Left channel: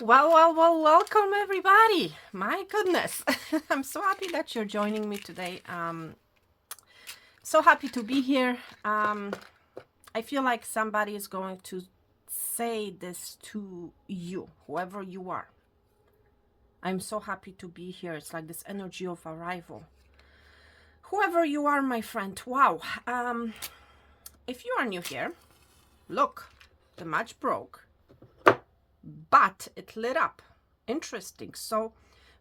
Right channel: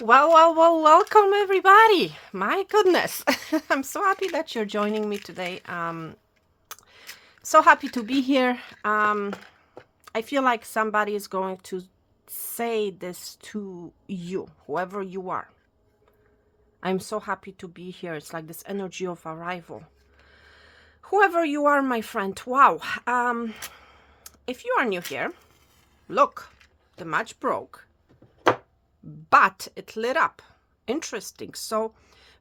Well, welcome everybody. My goodness. I'm so happy that you're joining me today. So happy to be here. I feel like somebody is going to say this to you, whoever you are. I'm so happy to be here. It's like this energy of arrival. Whoever you are, my friend. Wow. If you are new here, look, the match broke, but it lit up. Interesting. So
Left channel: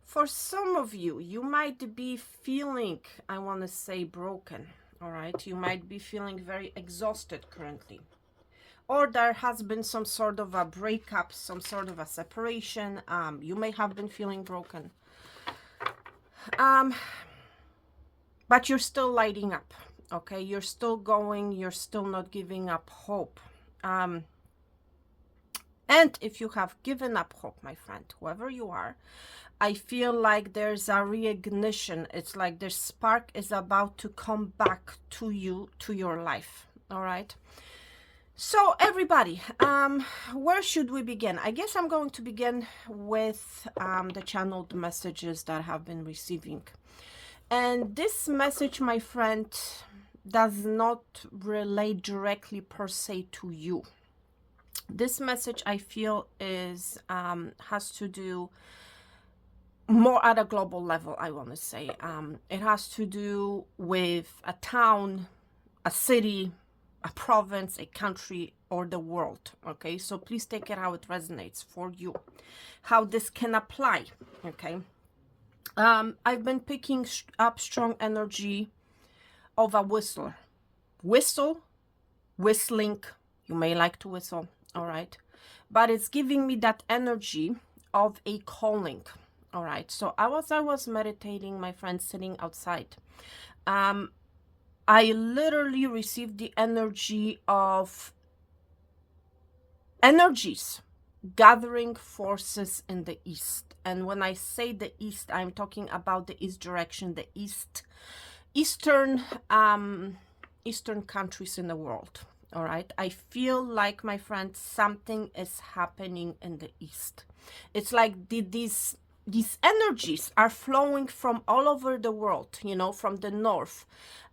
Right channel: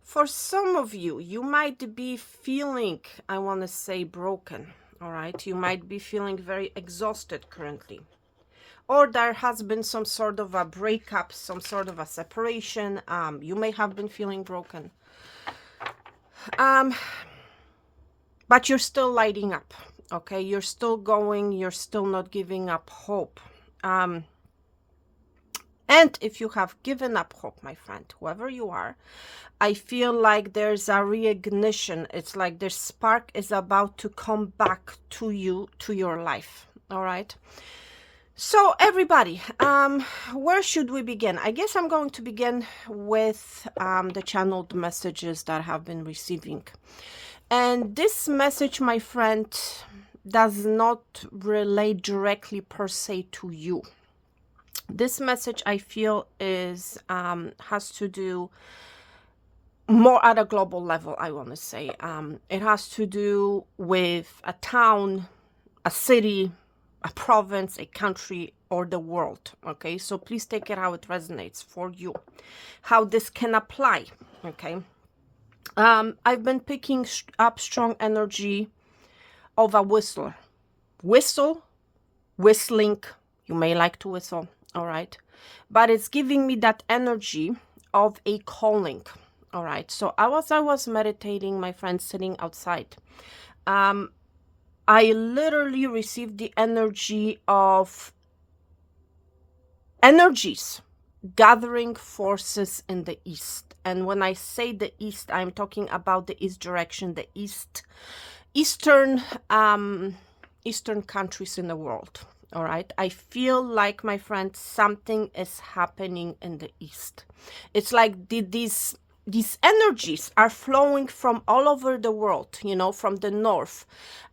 for some of you, you might be feeling, I want to say, broken. All right. You might be feeling very exhausted currently. Or there has been some sort of a breakup, some sort of a separation. You may have been feeling broken. But you're still lighting up. Okay. You're still going. You're still not giving up hope. And if you have given up hope, my friend, whoever you are, I feel like there's a reignition. It's like the spark is about to come back to you, to your life. All right. So everybody, where should we begin? I guess I'm going to begin with the channeled messages that I have been receiving. And this message, my friend, does not relate directly per se to you. This message, I feel, is has to do more at a global level, I want to say. It has to do with a town, a city, a province, a country, or the world. Okay, so please take it how it resonates for you, how this can apply. Okay, I've been picking up strong energy of a whistler. Whistling. You may like to whistle, all right, but it's giving me that energy of a calling. All right, so I was meditating, my friend, sitting outside. I literally received the energy of energies gathering forces in the east. And when I say the east, I'm talking about the east direction, the eastern countries in the world. All right, I feel like, my friend, something is happening in the east. It's like these energies are flowing from all over the world, from the north,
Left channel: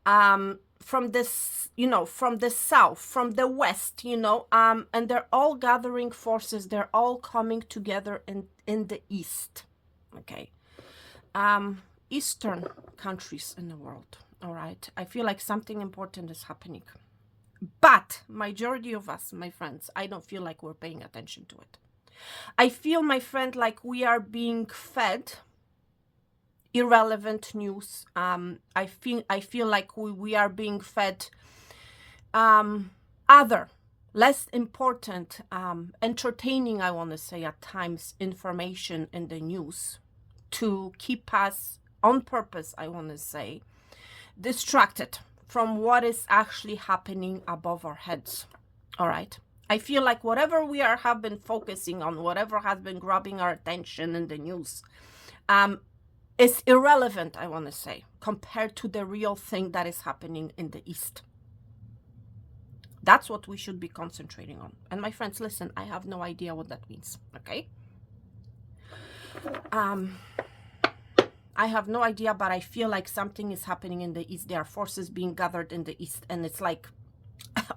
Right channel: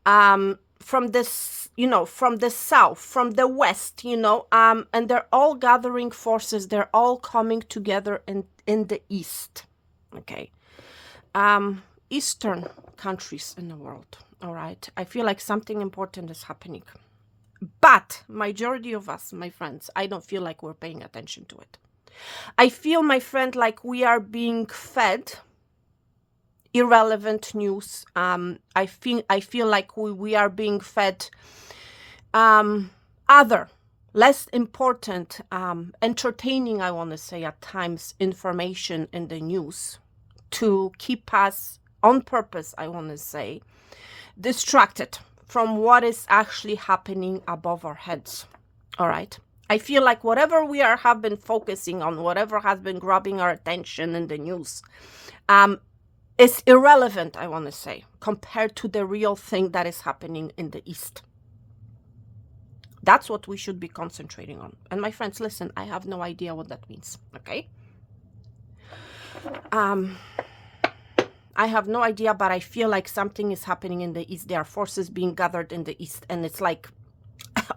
from this, from the south, from the west, and they're all gathering forces. They're all coming together in the east. Okay. Eastern countries in the world. All right. I feel like something important is happening. But majority of us, my friends, I don't feel like we're paying attention to it. I feel, my friend, like we are being fed irrelevant news. I feel like we are being fed other, less important, entertaining, I want to say at times, information in the news to keep us on purpose, I want to say, distracted from what is actually happening above our heads. All right. I feel like whatever we have been focusing on, whatever has been grabbing our attention in the news, is irrelevant, I want to say, compared to the real thing that is happening in the East. That's what we should be concentrating on. And my friends, listen, I have no idea what that means, okay? I have no idea, but I feel like something is happening in the East. There are forces being gathered in the East, and it's like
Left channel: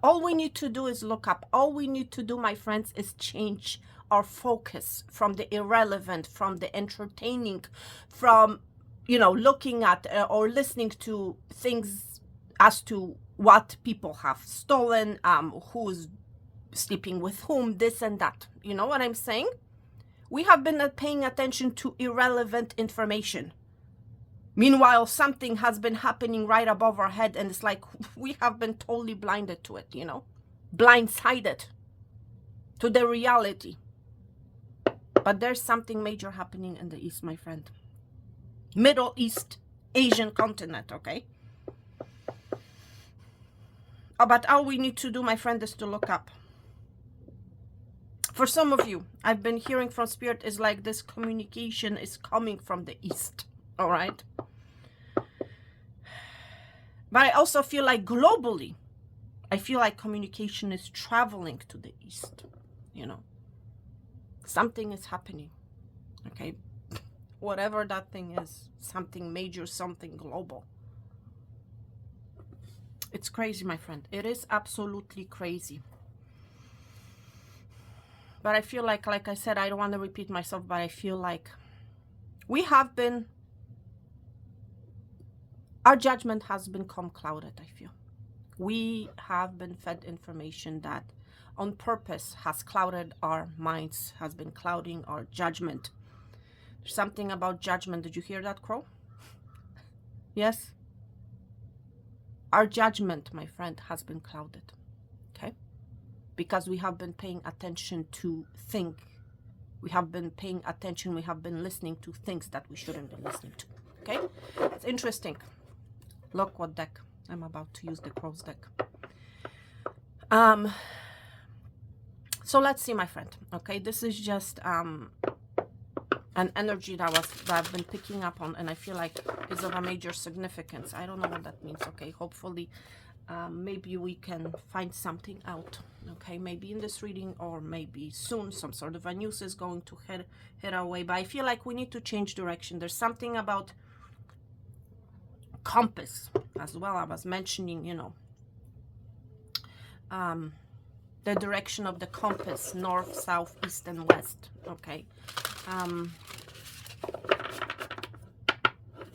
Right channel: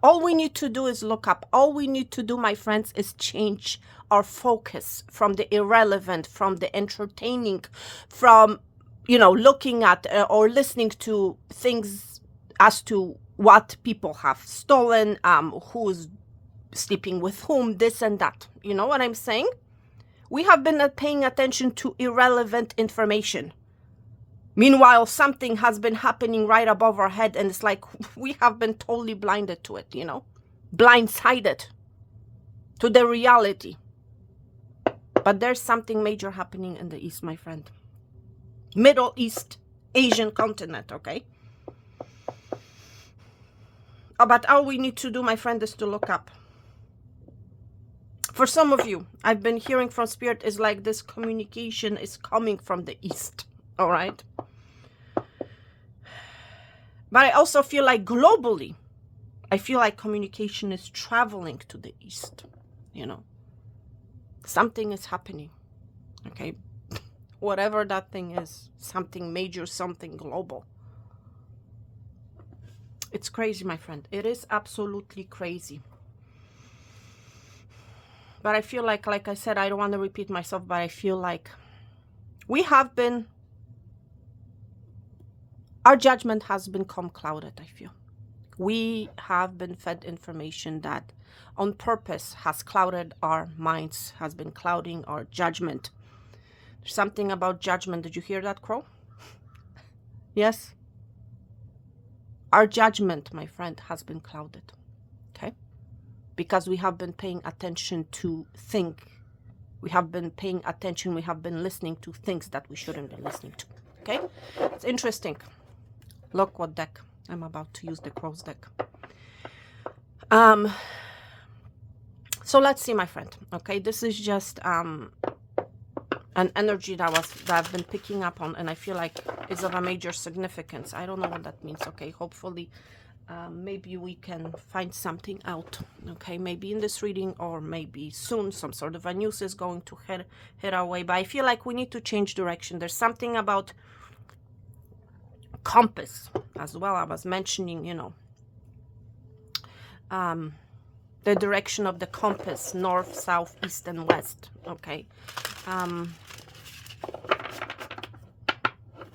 all we need to do is look up. All we need to do, my friends, is change our focus from the irrelevant, from the entertaining, from, looking at or listening to things as to what people have stolen, who's sleeping with whom, this and that. You know what I'm saying? We have been paying attention to irrelevant information. Meanwhile, something has been happening right above our head, and it's like we have been totally blinded to it, blindsided to the reality. But there's something major happening in the East, my friend. Middle East, Asian continent, okay? But all we need to do, my friend, is to look up. For some of you, I've been hearing from Spirit, is like this communication is coming from the East, all right? But I also feel like globally, I feel like communication is traveling to the East, Something is happening, okay? Whatever that thing is, something major, something global. It's crazy, my friend. It is absolutely crazy. But I feel like I said, I don't want to repeat myself, but I feel like we have been, our judgment has become clouded, I feel. We have been fed information that on purpose has clouded our minds, has been clouding our judgment. There's something about judgment. Did you hear that, Crow? Yes? Our judgment, my friend, has been clouded, okay? Because we have been paying attention to think. We have been paying attention, we have been listening to things that we shouldn't be listening to, okay? It's interesting. Look what deck. I'm about to use the Crow's deck. So let's see, my friend, okay? This is just an energy that I've been picking up on, and I feel like is of a major significance. I don't know what that means, okay? Hopefully, maybe we can find something out, okay? Maybe in this reading, or maybe soon some sort of a news is going to hit our way. But I feel like we need to change direction. There's something about compass as well. I was mentioning, you know, the direction of the compass, north, south, east, and west, okay?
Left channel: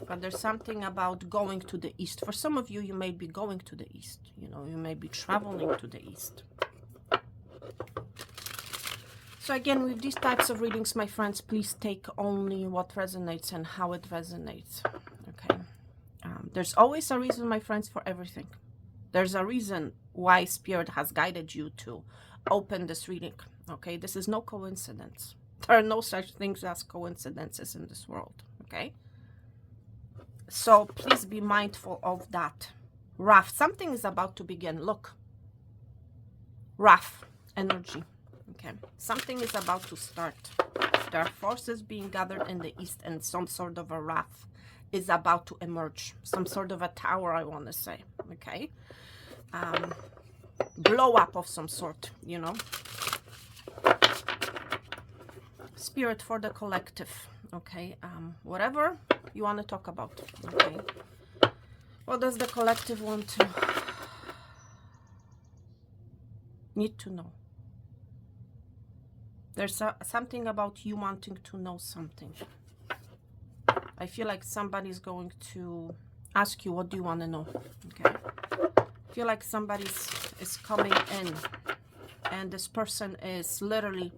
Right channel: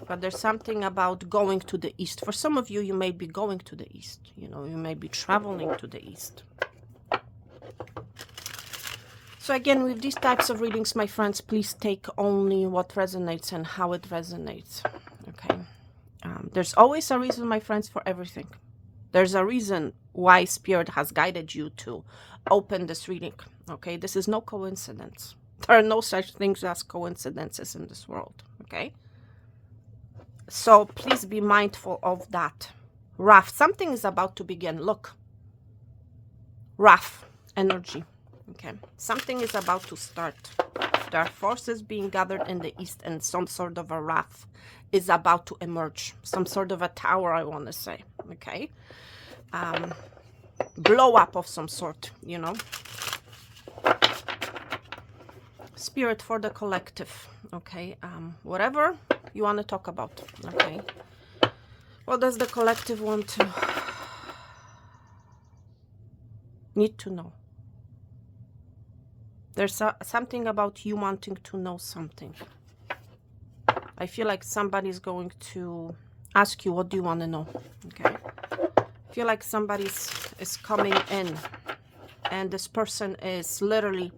But there's something about going to the east. For some of you, you may be going to the east. You know, you may be traveling to the east. So again, with these types of readings, my friends, please take only what resonates and how it resonates, okay? There's always a reason, my friends, for everything. There's a reason why Spirit has guided you to open this reading, okay? This is no coincidence. There are no such things as coincidences in this world, okay? So please be mindful of that. Wrath, something is about to begin. Look, wrath energy, okay? Something is about to start. There are forces being gathered in the east, and some sort of a wrath is about to emerge. Some sort of a tower, I want to say, okay? Blow up of some sort, you know? Spirit for the collective, okay? Whatever you want to talk about, okay? What does the collective want to need to know? There's something about you wanting to know something. I feel like somebody's going to ask you, what do you want to know? Okay. I feel like somebody is coming in, and this person is literally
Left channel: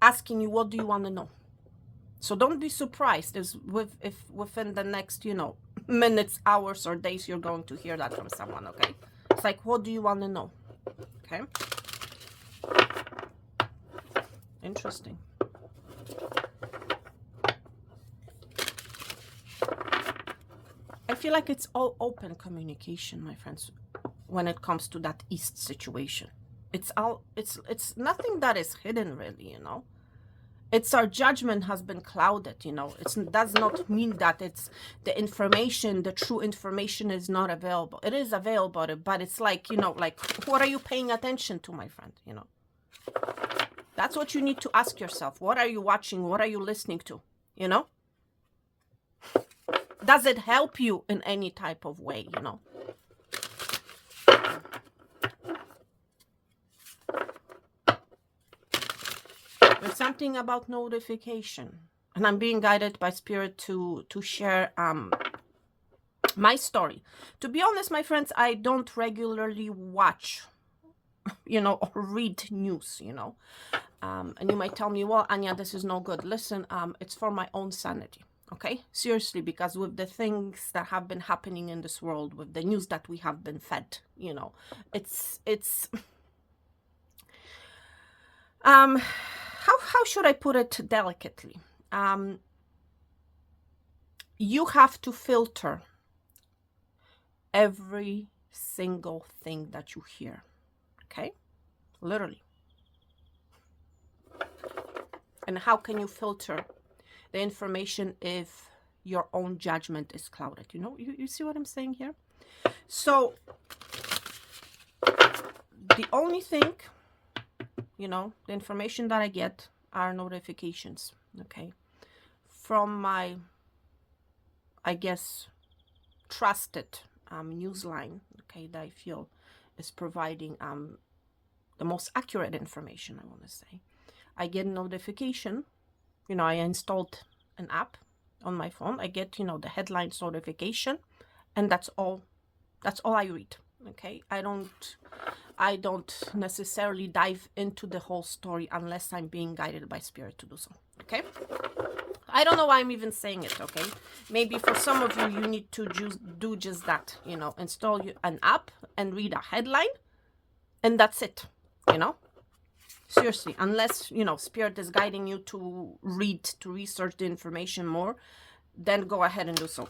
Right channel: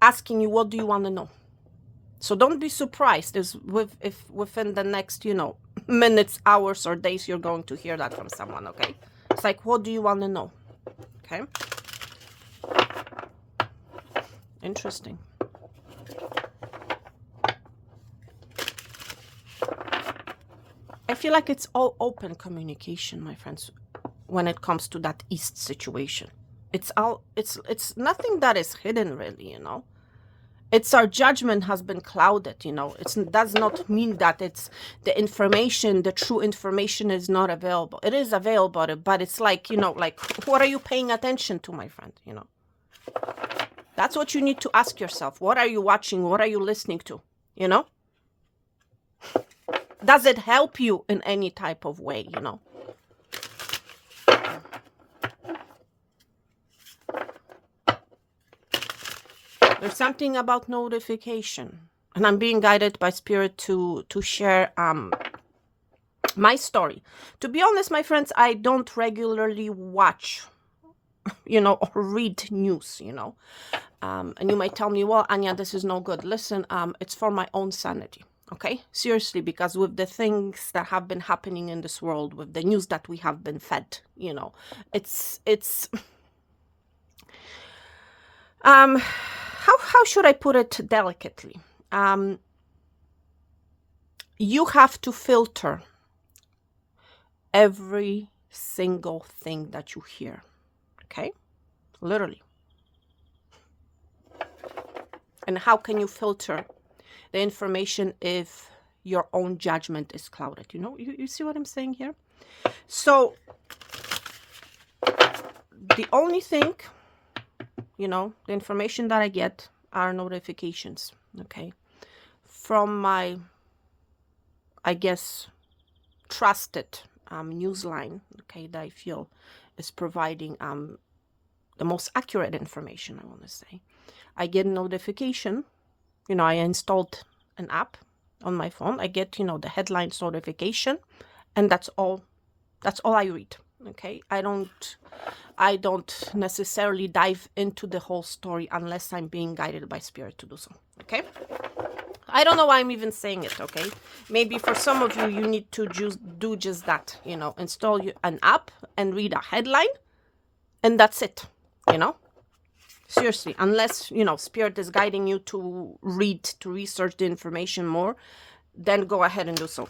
asking you, what do you want to know? So don't be surprised if within the next, you know, minutes, hours, or days, you're going to hear that from someone, okay? It's like, what do you want to know? Okay. Interesting. I feel like it's all open communication, my friends, when it comes to that East situation. It's nothing that is hidden, really, you know. It's our judgment has been clouded, you know. It does not mean that it's the information, the true information is not available. It is available, but it's like, you know, like, what are you paying attention to, my friend, you know? That's what you need to ask yourself. What are you watching? What are you listening to? You know? Does it help you in any type of way, you know? There's something about notification. And I'm being guided by Spirit to share my story. To be honest, my friends, I don't regularly watch, you know, or read news, you know. And you might tell me, well, Anya, this is no good. Listen, it's for my own sanity, okay? Seriously, because with the things that have been happening in this world, with the news that we have been fed, you know, it's how should I put it delicately? You have to filter every single thing that you hear, okay? Literally. And how can you filter the information if your own judgment is clouded? You know, you see what I'm saying here? So the only thing, you know, the information that I get are notifications, okay, from my, I guess, trusted newsline, okay, that I feel is providing the most accurate information, I want to say. I get a notification, you know, I installed an app on my phone. I get, you know, the headlines notification, and that's all I read, okay. I don't necessarily dive into the whole story unless I'm being guided by spirit to do so, okay. I don't know why I'm even saying it, okay. Maybe for some of you, you need to do just that, you know, install an app and read a headline, and that's it, you know. Seriously, unless, you know, spirit is guiding you to read, to research the information more, then go ahead and do so.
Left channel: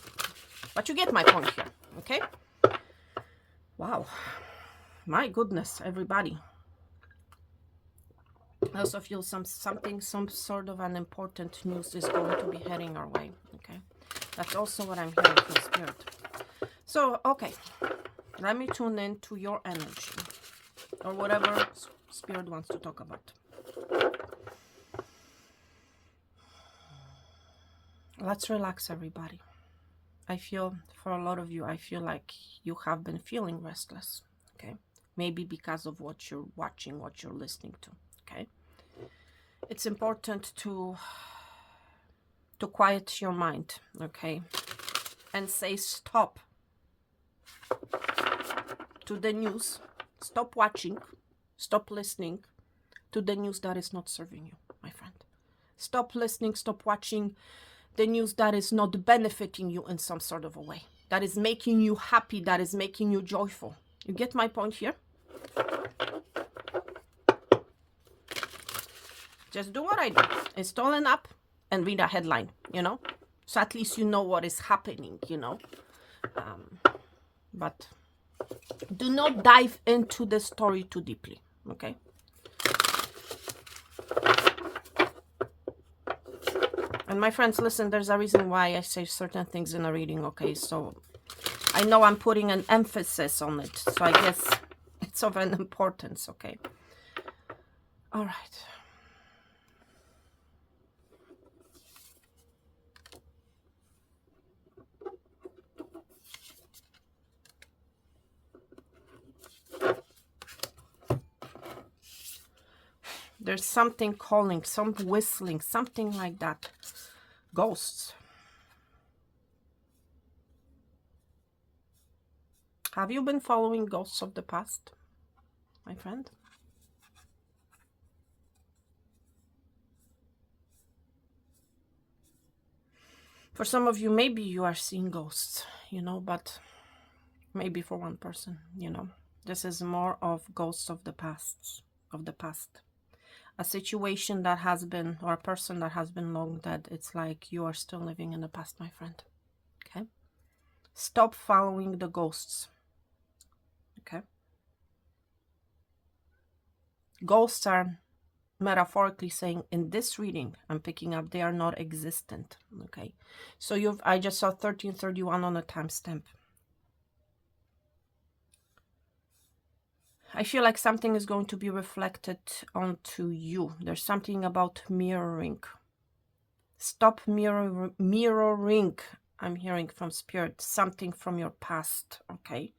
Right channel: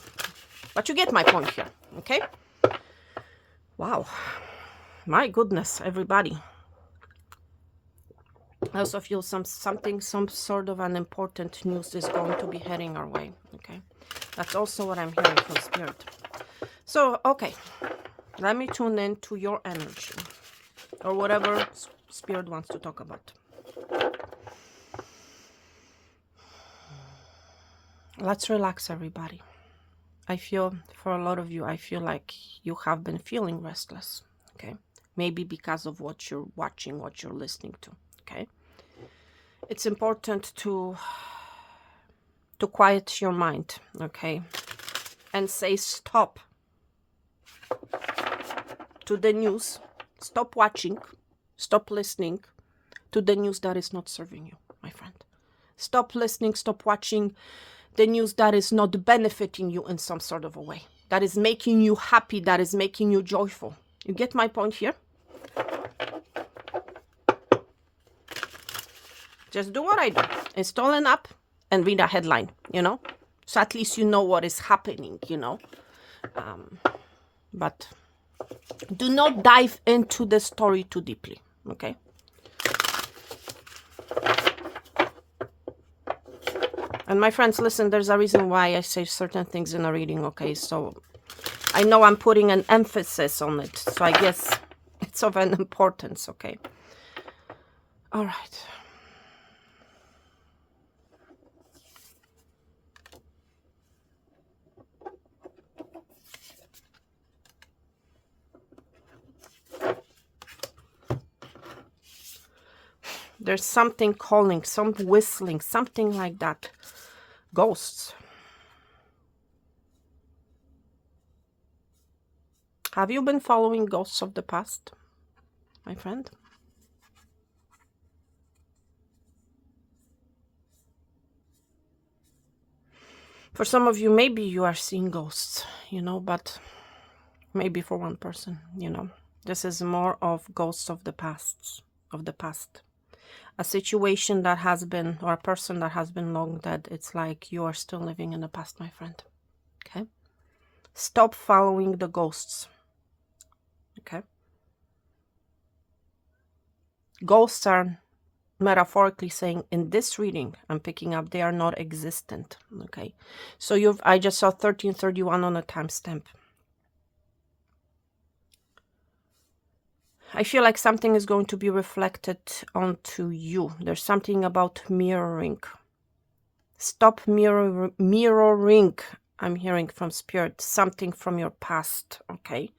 But you get my point here, okay? Wow. My goodness, everybody. I also feel some sort of an important news is going to be heading our way, okay? That's also what I'm hearing from spirit. So, okay, let me tune in to your energy, or whatever spirit wants to talk about. Let's relax, everybody. I feel, for a lot of you, I feel like you have been feeling restless, okay? Maybe because of what you're watching, what you're listening to, okay? It's important to quiet your mind, okay? And say stop to the news. Stop watching, stop listening to the news that is not serving you, my friend. Stop listening, stop watching the news that is not benefiting you in some sort of a way, that is making you happy, that is making you joyful. You get my point here? Just do what I do. Install an app and read a headline, you know? So at least you know what is happening, you know? But do not dive into the story too deeply, okay? And my friends, listen, there's a reason why I say certain things in a reading, okay? So I know I'm putting an emphasis on it, so I guess it's of an importance, okay? All right. There's something calling, some whistling, something like that. Ghosts. Have you been following ghosts of the past, my friend? For some of you, maybe you are seeing ghosts, you know, but maybe for one person, you know. This is more of ghosts of the past, a situation that has been, or a person that has been long dead. It's like you are still living in the past, my friend, okay? Stop following the ghosts, okay? Ghosts are, metaphorically saying, in this reading I'm picking up, they are not existent, okay? So I just saw 1331 on a timestamp. I feel like something is going to be reflected onto you. There's something about mirroring. Stop mirroring. I'm hearing from spirit something from your past, okay?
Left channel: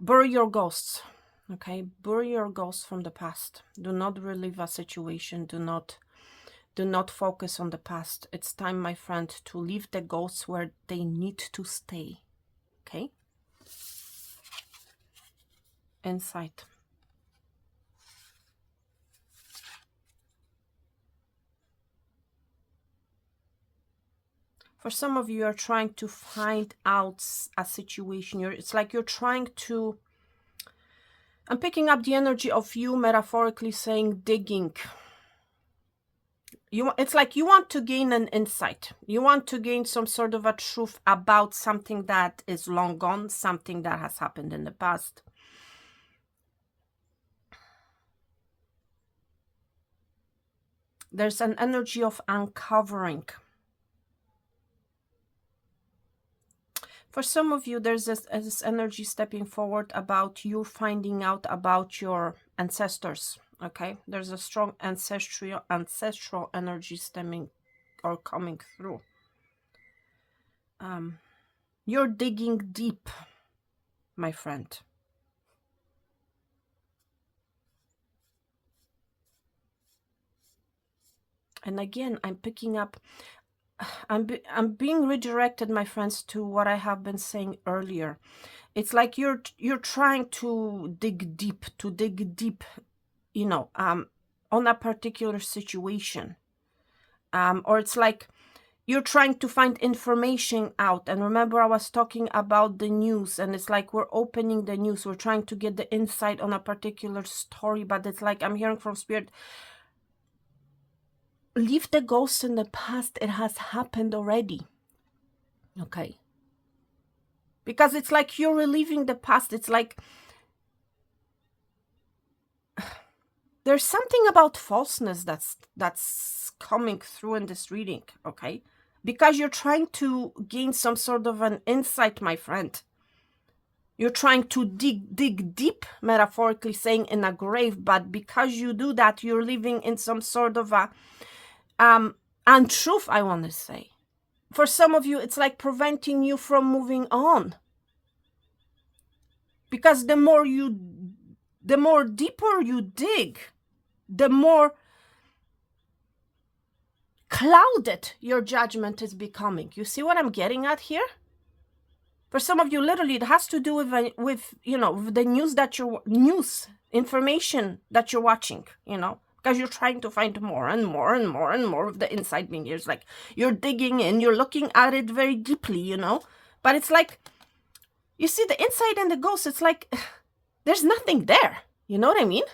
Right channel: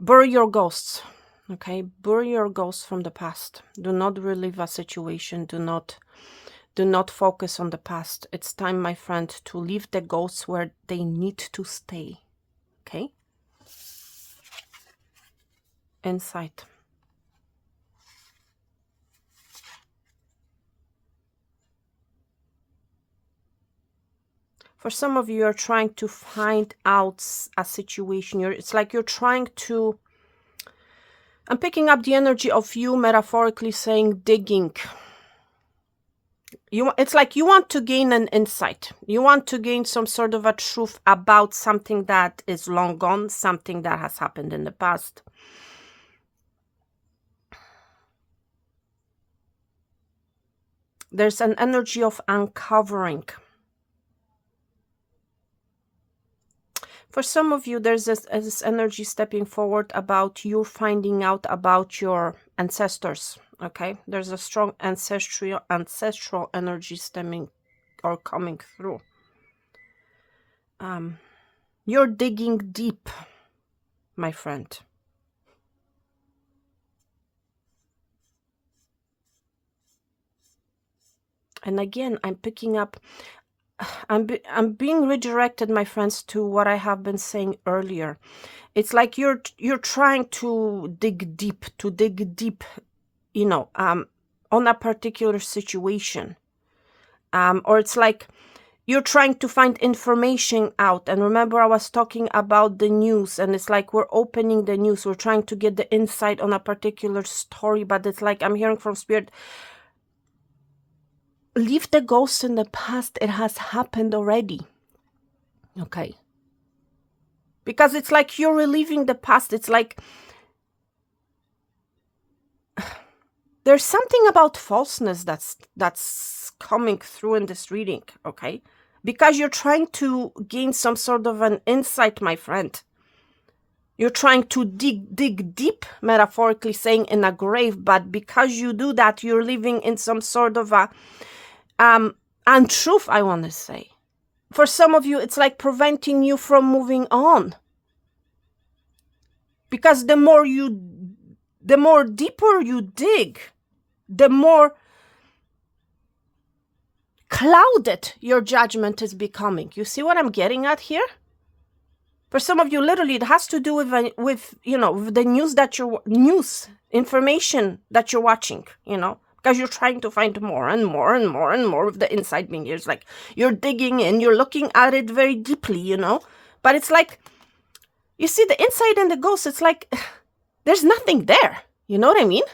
Bury your ghosts, okay? Bury your ghosts from the past. Do not relive a situation. Do not focus on the past. It's time, my friend, to leave the ghosts where they need to stay, okay? Insight. For some of you, you're trying to find out a situation. It's like you're trying to... I'm picking up the energy of you, metaphorically saying, digging. It's like you want to gain an insight. You want to gain some sort of a truth about something that is long gone, something that has happened in the past. There's an energy of uncovering. For some of you, there's this energy stepping forward about you finding out about your ancestors. Okay, there's a strong ancestral energy stemming or coming through. You're digging deep, my friend. And again, I'm picking up, I'm being redirected, my friends, to what I have been saying earlier. It's like you're trying to dig deep, you know, on a particular situation. Or it's like you're trying to find information out. And remember, I was talking about the news, and it's like we're opening the news. We're trying to get the insight on a particular story, but it's like I'm hearing from Spirit, leave the ghost in the past. It has happened already. Okay. Because it's like you're reliving the past. It's like there's something about falseness that's coming through in this reading, okay? Because you're trying to gain some sort of an insight, my friend. You're trying to dig deep, metaphorically saying, in a grave, but because you do that, you're living in some sort of a untruth, I want to say. For some of you, it's like preventing you from moving on. Because the more deeper you dig, the more clouded your judgment is becoming. You see what I'm getting at here? For some of you, literally, it has to do with you know, with the news information that you're watching, you know, because you're trying to find more and more and more and more of the inside being here. It's like you're digging in, you're looking at it very deeply, you know, but it's like, you see the inside and the ghost, it's like there's nothing there. You know what I mean?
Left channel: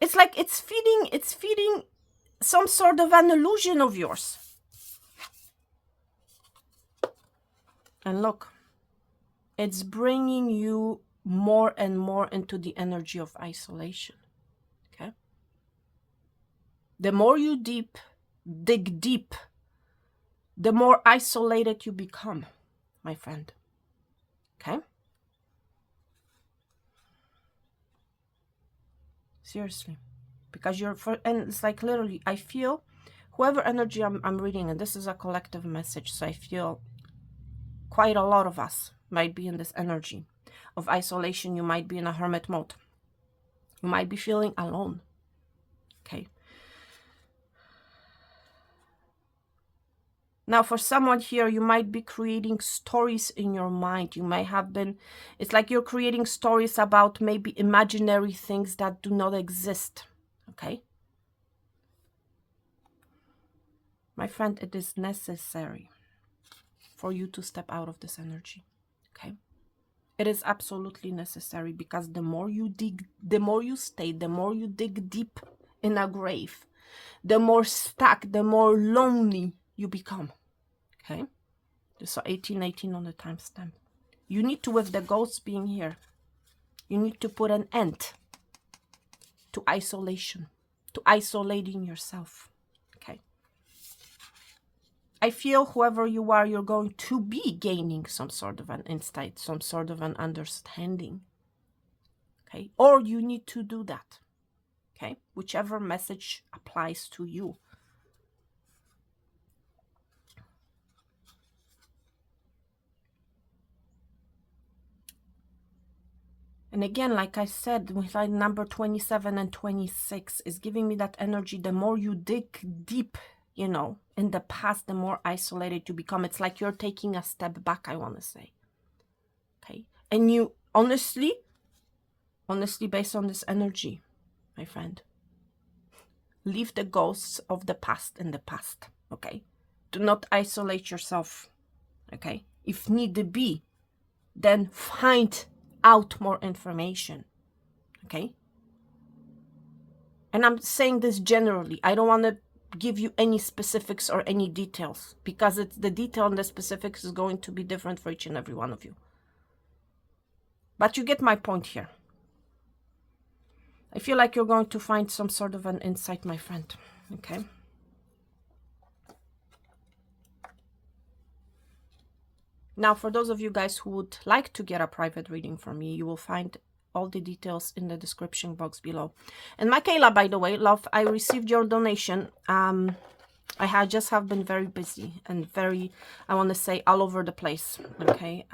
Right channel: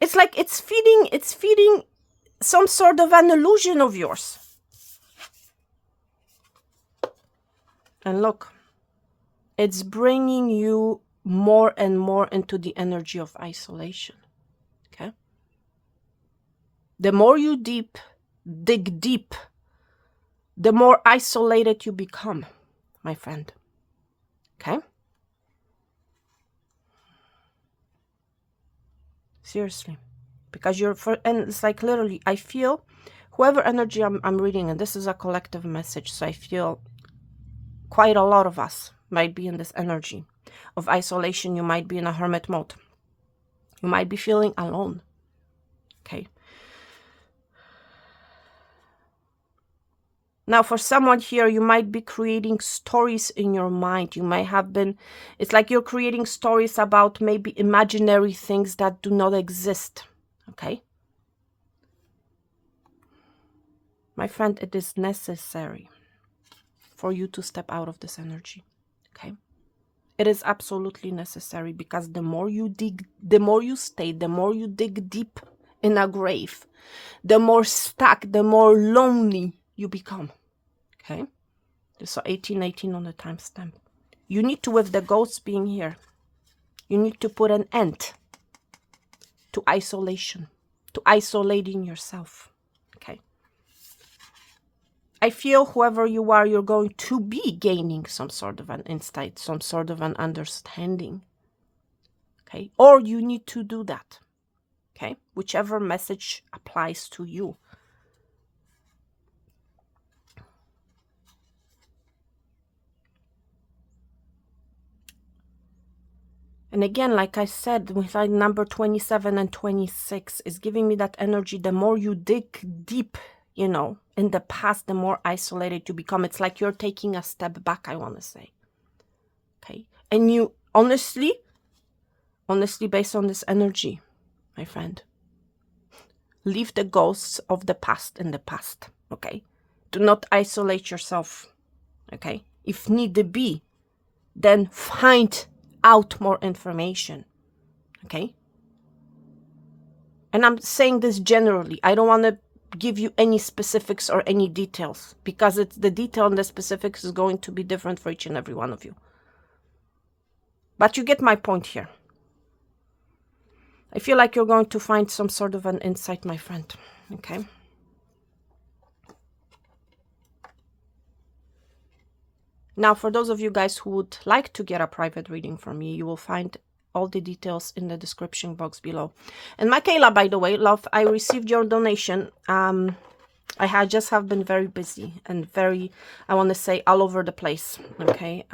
It's like it's feeding some sort of an illusion of yours. And look, it's bringing you more and more into the energy of isolation. Okay? The more you dig deep, the more isolated you become, my friend. Okay? Seriously. Because and it's like literally, I feel whoever energy I'm reading, and this is a collective message, so I feel quite a lot of us might be in this energy of isolation. You might be in a hermit mode. You might be feeling alone. Okay. Now, for someone here, you might be creating stories in your mind. You might have been, it's like you're creating stories about maybe imaginary things that do not exist. Okay. My friend, it is necessary for you to step out of this energy. Okay. It is absolutely necessary, because the more you dig, the more you stay, the more you dig deep in a grave, the more stuck, the more lonely you become. Okay. So 1818 on the timestamp. You need to, with the ghosts being here, you need to put an end to isolation, to isolating yourself. Okay. I feel whoever you are, you're going to be gaining some sort of an insight, some sort of an understanding. Okay. Or you need to do that. Okay. Whichever message applies to you. And again, like I said, with like number 27 and 26 is giving me that energy. The more you dig deep, you know, in the past, the more isolated you become. It's like you're taking a step back, I want to say. Okay. And you honestly, based on this energy, my friend, leave the ghosts of the past in the past. Okay. Do not isolate yourself. Okay. If need be, then find out more information. Okay. And I'm saying this generally. I don't want to give you any specifics or any details, because it's the detail and the specifics is going to be different for each and every one of you. But you get my point here. I feel like you're going to find some sort of an insight, my friend. Okay. Now, for those of you guys who would like to get a private reading from me, you will find all the details in the description box below. And Michaela, by the way, love, I received your donation. I just have been very busy and very, I want to say, all over the place, okay?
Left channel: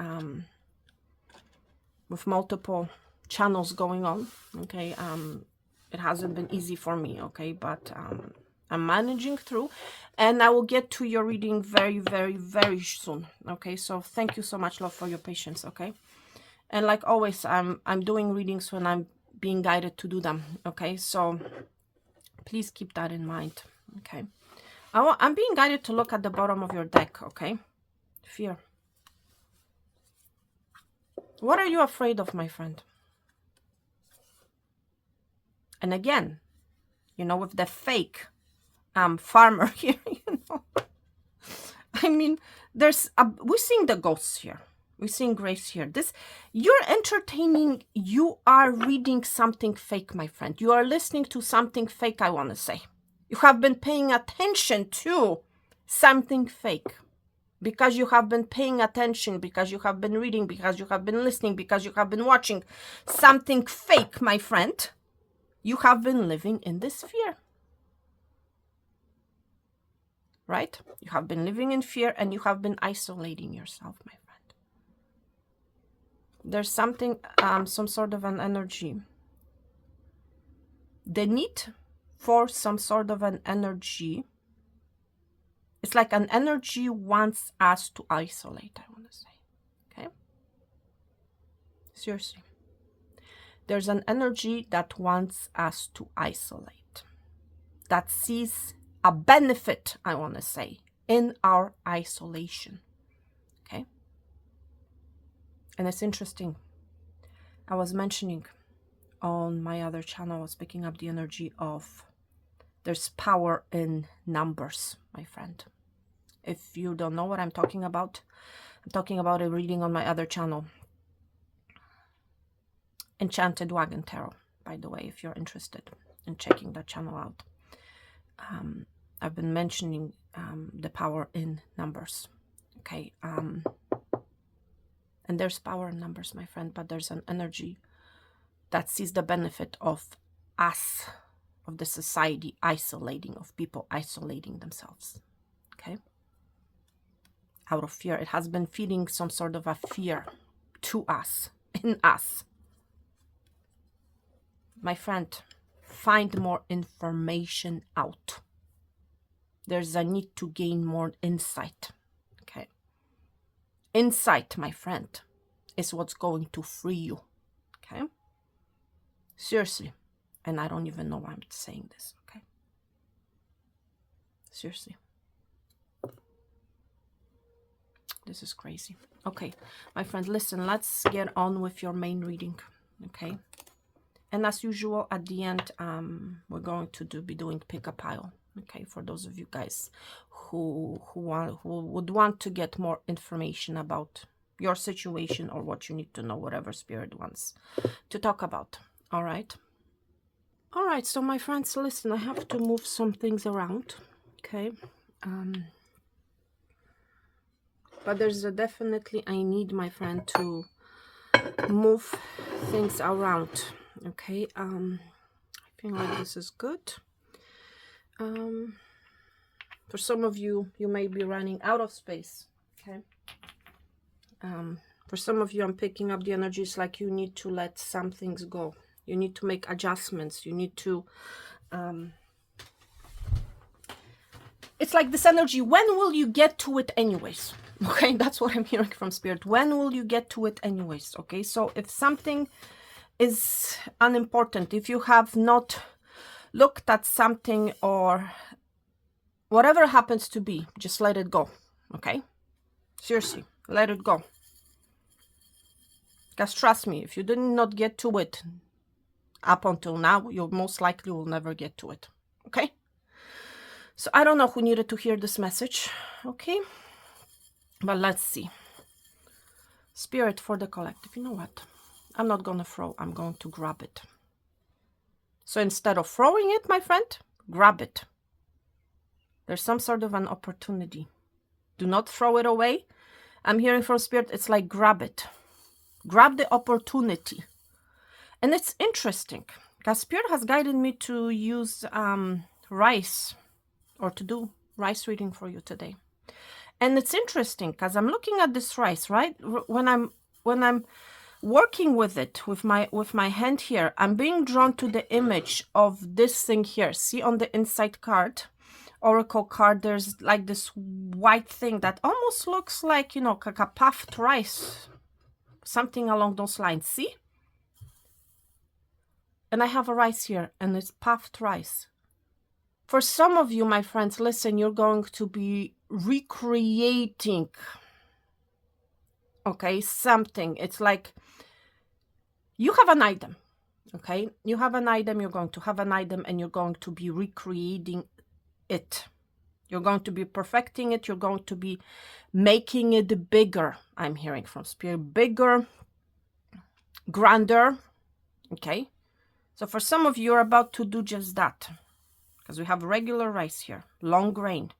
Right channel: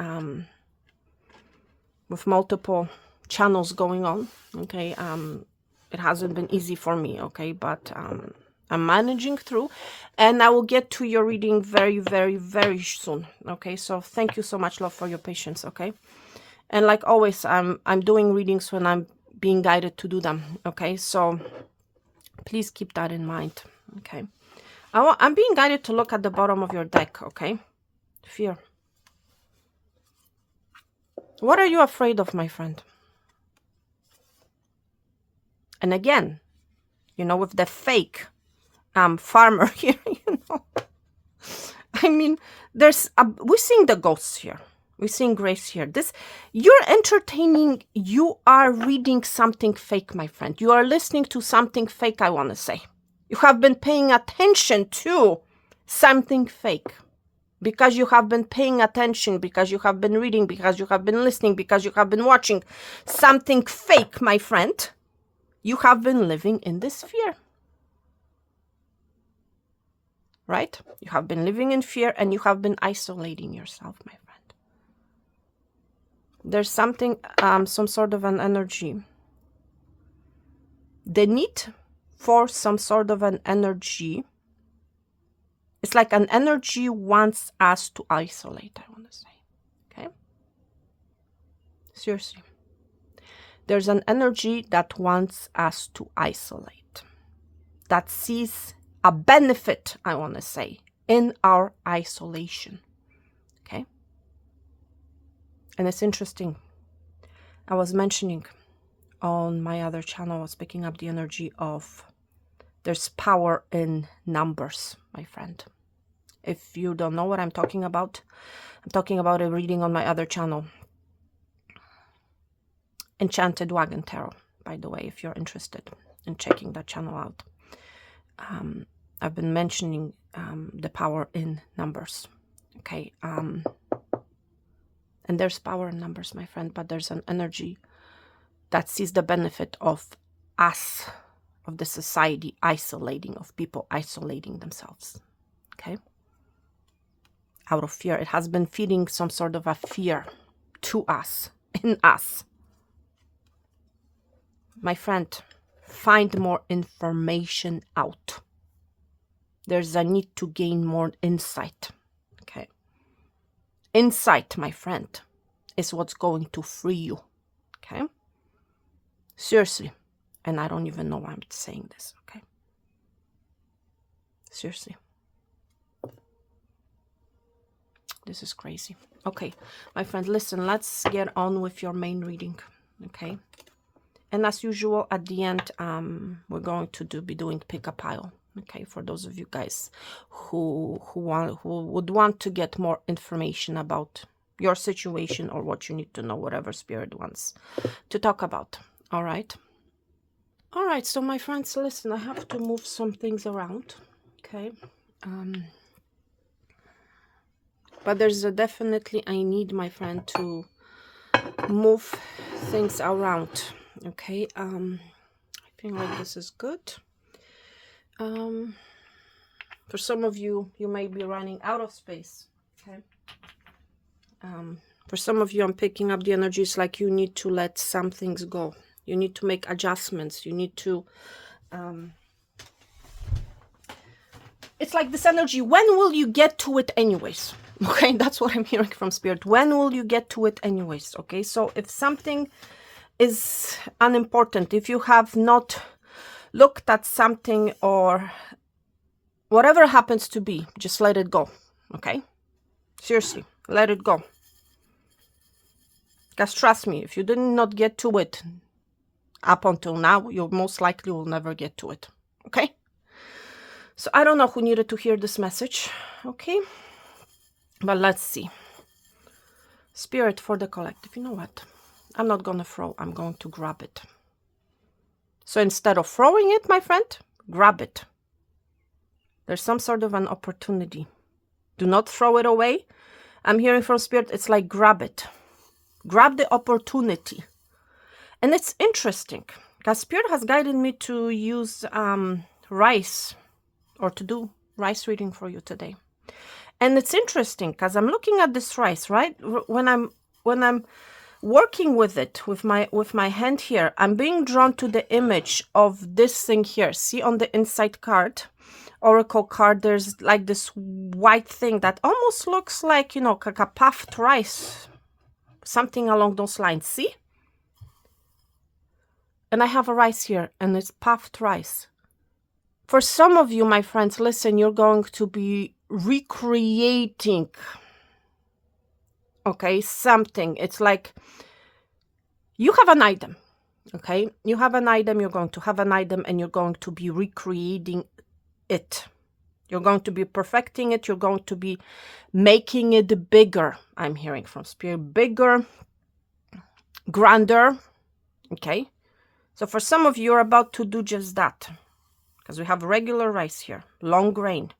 With multiple channels going on, okay? It hasn't been easy for me, okay? But I'm managing through, and I will get to your reading very, very, very soon, okay? So thank you so much, love, for your patience, okay? And like always, I'm doing readings when I'm being guided to do them, okay? So please keep that in mind, okay? I'm being guided to look at the bottom of your deck, okay? Fear. What are you afraid of, my friend? And again, you know, with the fake farmer here, you know. I mean, we're seeing the ghosts here. We're seeing grace here. You're entertaining, you are reading something fake, my friend. You are listening to something fake, I want to say. You have been paying attention to something fake. Because you have been paying attention, because you have been reading, because you have been listening, because you have been watching something fake, my friend, you have been living in this fear. Right? You have been living in fear and you have been isolating yourself, my friend. There's something, some sort of an energy. The need for some sort of an energy. It's like an energy wants us to isolate, I want to say. Okay? Seriously. There's an energy that wants us to isolate. That sees a benefit, I want to say, in our isolation. Okay? And it's interesting. I was mentioning on my other channel, I was picking up the energy of there's power in numbers, my friend. If you don't know what I'm talking about a reading on my other channel, Enchanted Wagon Tarot, by the way, if you're interested in checking that channel out. I've been mentioning the power in numbers, okay? And there's power in numbers, my friend, but there's an energy that sees the benefit of us, of the society isolating, of people isolating themselves, okay? Out of fear. It has been feeding some sort of a fear to us, in us. My friend, find more information out. There's a need to gain more insight, okay? Insight, my friend, is what's going to free you, okay? Seriously. And I don't even know why I'm saying this, okay? Seriously. This is crazy. Okay, my friend, listen, let's get on with your main reading, okay? And as usual, at the end, we're going to be doing pick a pile, okay? For those of you guys who would want to get more information about your situation or what you need to know, whatever Spirit wants to talk about, all right? All right, so my friends, listen, I have to move some things around, okay? But there's definitely, I need, my friend, to move things around, okay? I feel like this is good. For some of you, you may be running out of space, okay? For some of you, I'm picking up the energies like you need to let some things go. You need to make adjustments. You need to... it's like this energy, when will you get to it anyways? Okay, that's what I'm hearing from Spirit. When will you get to it anyways? Okay, so if something is unimportant, if you have not looked at something or whatever happens to be, just let it go, okay? Seriously, let it go. Because trust me, if you did not get to it up until now, you most likely will never get to it, okay? So I don't know who needed to hear this message, okay? But let's see. Spirit for the collective. You know what? I'm not going to throw. I'm going to grab it. So instead of throwing it, my friend, grab it. There's some sort of an opportunity. Do not throw it away. I'm hearing from Spirit, it's like grab it. Grab the opportunity. And it's interesting because Spirit has guided me to use rice, or to do rice reading for you today. And it's interesting because I'm looking at this rice, right? When I'm working with it with my hand here, I'm being drawn to the image of this thing here. See, on the inside card, oracle card, there's like this white thing that almost looks like, you know, like a puffed rice, something along those lines. See? And I have a rice here, and it's puffed rice. For some of you, my friends, listen, you're going to be recreating, okay, something. It's like you have an item, okay? You have an item, you're going to have an item, and you're going to be recreating it. You're going to be perfecting it. You're going to be making it bigger. I'm hearing from Spirit, bigger, grander, okay? So for some of you, you're about to do just that, because we have regular rice here, long grain.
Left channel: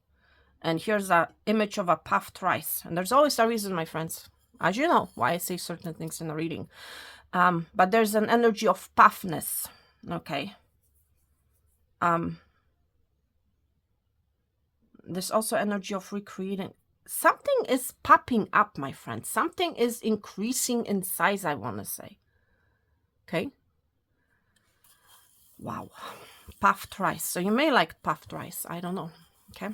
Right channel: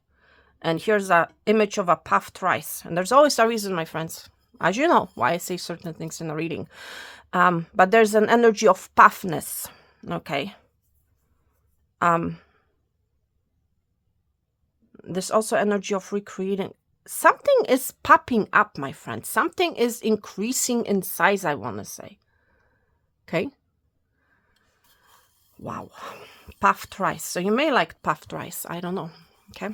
And here's an image of a puffed rice. And there's always a reason, my friends, as you know, why I say certain things in a reading. But there's an energy of puffness, okay? There's also energy of recreating. Something is popping up, my friends. Something is increasing in size, I want to say. Okay? Wow. Puffed rice. So you may like puffed rice. I don't know. Okay?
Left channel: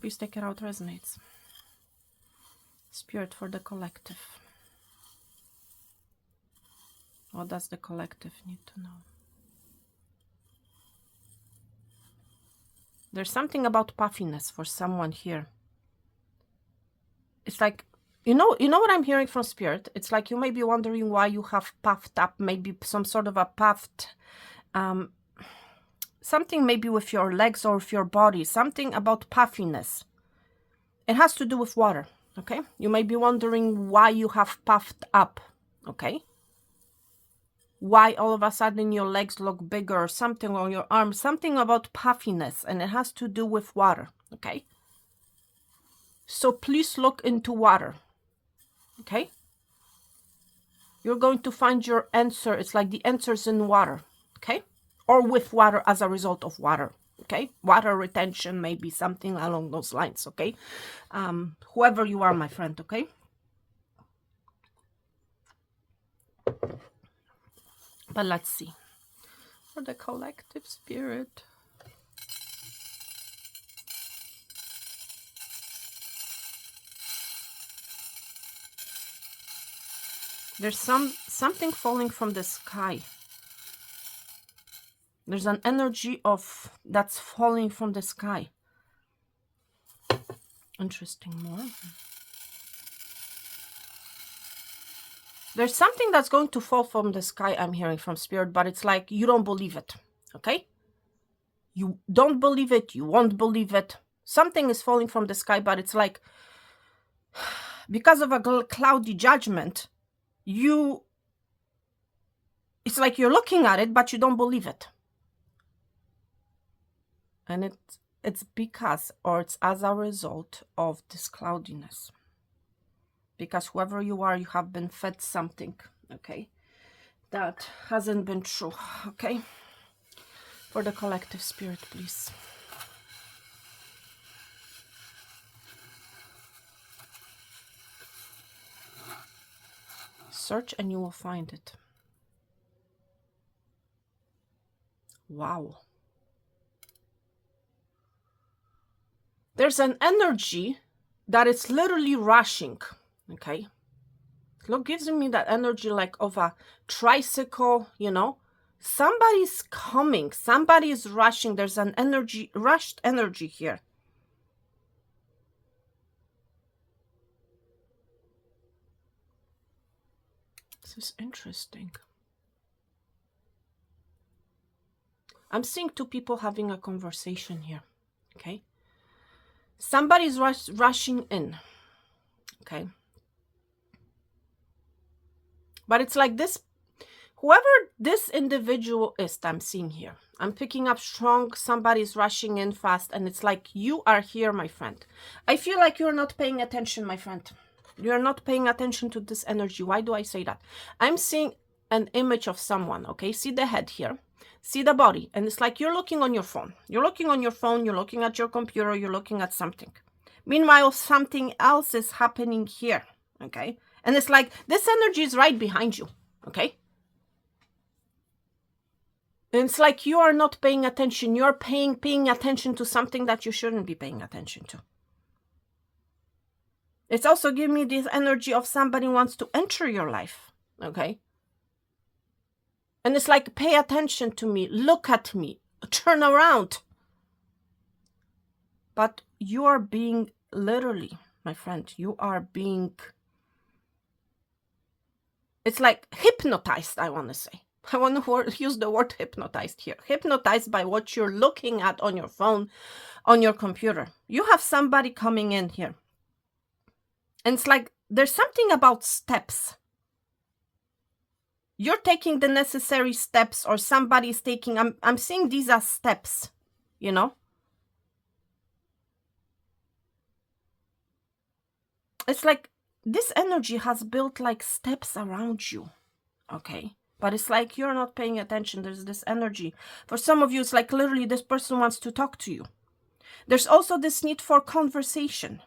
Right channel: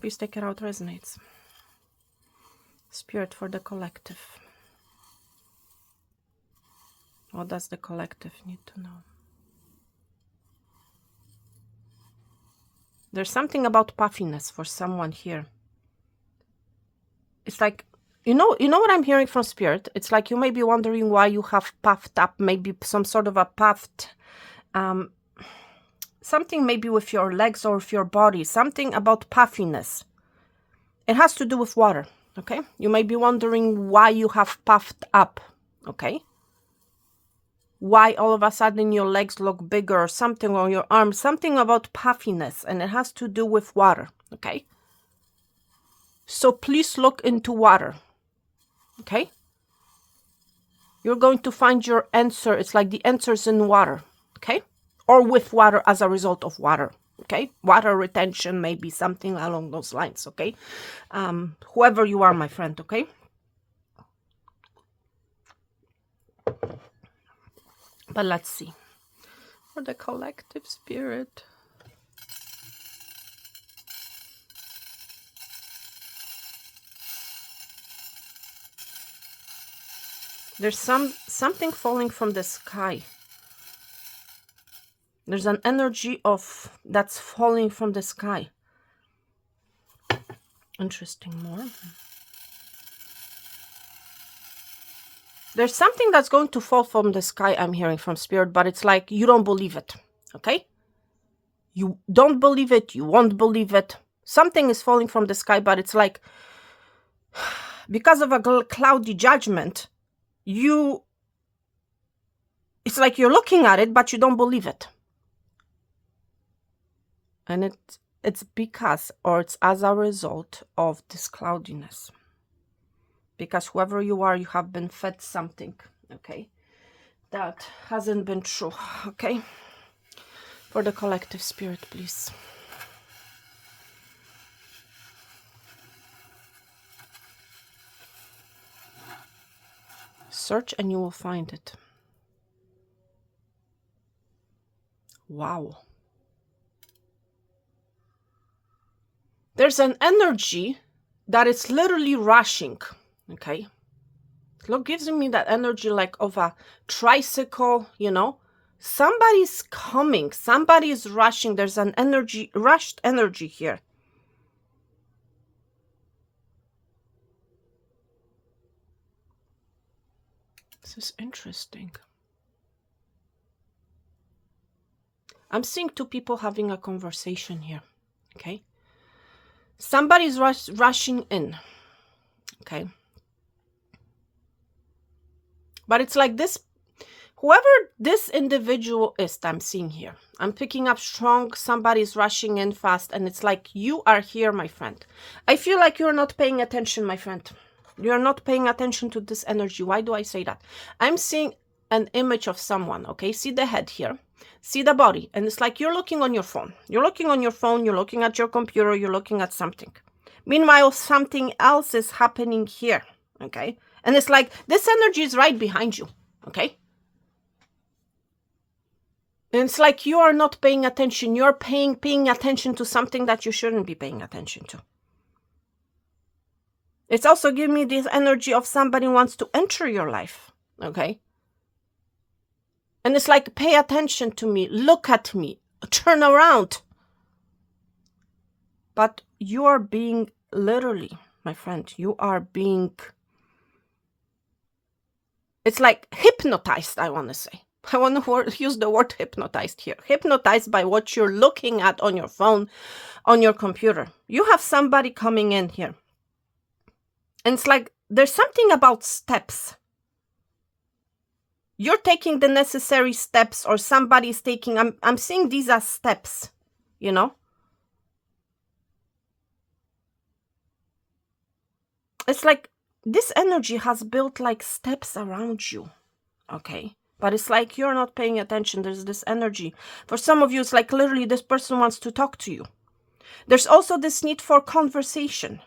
Please take it out. Resonates. Spirit for the collective. What does the collective need to know? There's something about puffiness for someone here. It's like, you know what I'm hearing from Spirit? It's like you may be wondering why you have puffed up, maybe some sort of a puffed, something maybe with your legs or with your body, something about puffiness. It has to do with water, okay? You may be wondering why you have puffed up, okay? Why all of a sudden your legs look bigger, or something on your arms, something about puffiness, and it has to do with water, okay? So please look into water, okay? You're going to find your answer. It's like the answer's in water, okay? Or with water as a result of water, okay? Water retention, maybe something along those lines, okay? Whoever you are, my friend, okay? But let's see. For the collective Spirit. There's something falling from the sky. There's an energy of that's falling from the sky. Interesting more. There's something that's going to fall from the sky, I'm hearing from Spirit, but it's like you don't believe it, okay? You don't believe it, you won't believe it. Something is falling from the sky, but it's like, because of a cloudy judgment, it's like you're looking at it, but you don't believe it. And it's because, or it's as a result of this cloudiness. Because whoever you are, you have been fed something, okay, that hasn't been true, okay? For the collective Spirit, please. Search and you will find it. Wow. There's an energy that is literally rushing. Okay, look, gives me that energy like of a tricycle, you know, somebody's coming, somebody's rushing. There's an energy, rushed energy here. This is interesting. I'm seeing two people having a conversation here, okay? Somebody's rushing in, okay? But it's like this, whoever this individual is that I'm seeing here, I'm picking up strong, somebody's rushing in fast, and it's like you are here, my friend. I feel like you're not paying attention, my friend. You're not paying attention to this energy. Why do I say that? I'm seeing an image of someone, okay? See the head here. See the body. And it's like you're looking on your phone. You're looking on your phone. You're looking at your computer. You're looking at something. Meanwhile, something else is happening here, okay? And it's like this energy is right behind you, okay? And it's like you are not paying attention. You're paying attention to something that you shouldn't be paying attention to. It's also giving me this energy of somebody wants to enter your life, okay? And it's like, pay attention to me, look at me, turn around. But you are being, literally, my friend, you are being, it's like hypnotized, I want to say. I want to use the word hypnotized here. Hypnotized by what you're looking at on your phone, on your computer. You have somebody coming in here. And it's like, there's something about steps. You're taking the necessary steps, or somebody's taking, I'm seeing these as steps, you know? It's like this energy has built like steps around you, okay? But it's like you're not paying attention. There's this energy. For some of you, it's like literally this person wants to talk to you. There's also this need for conversation.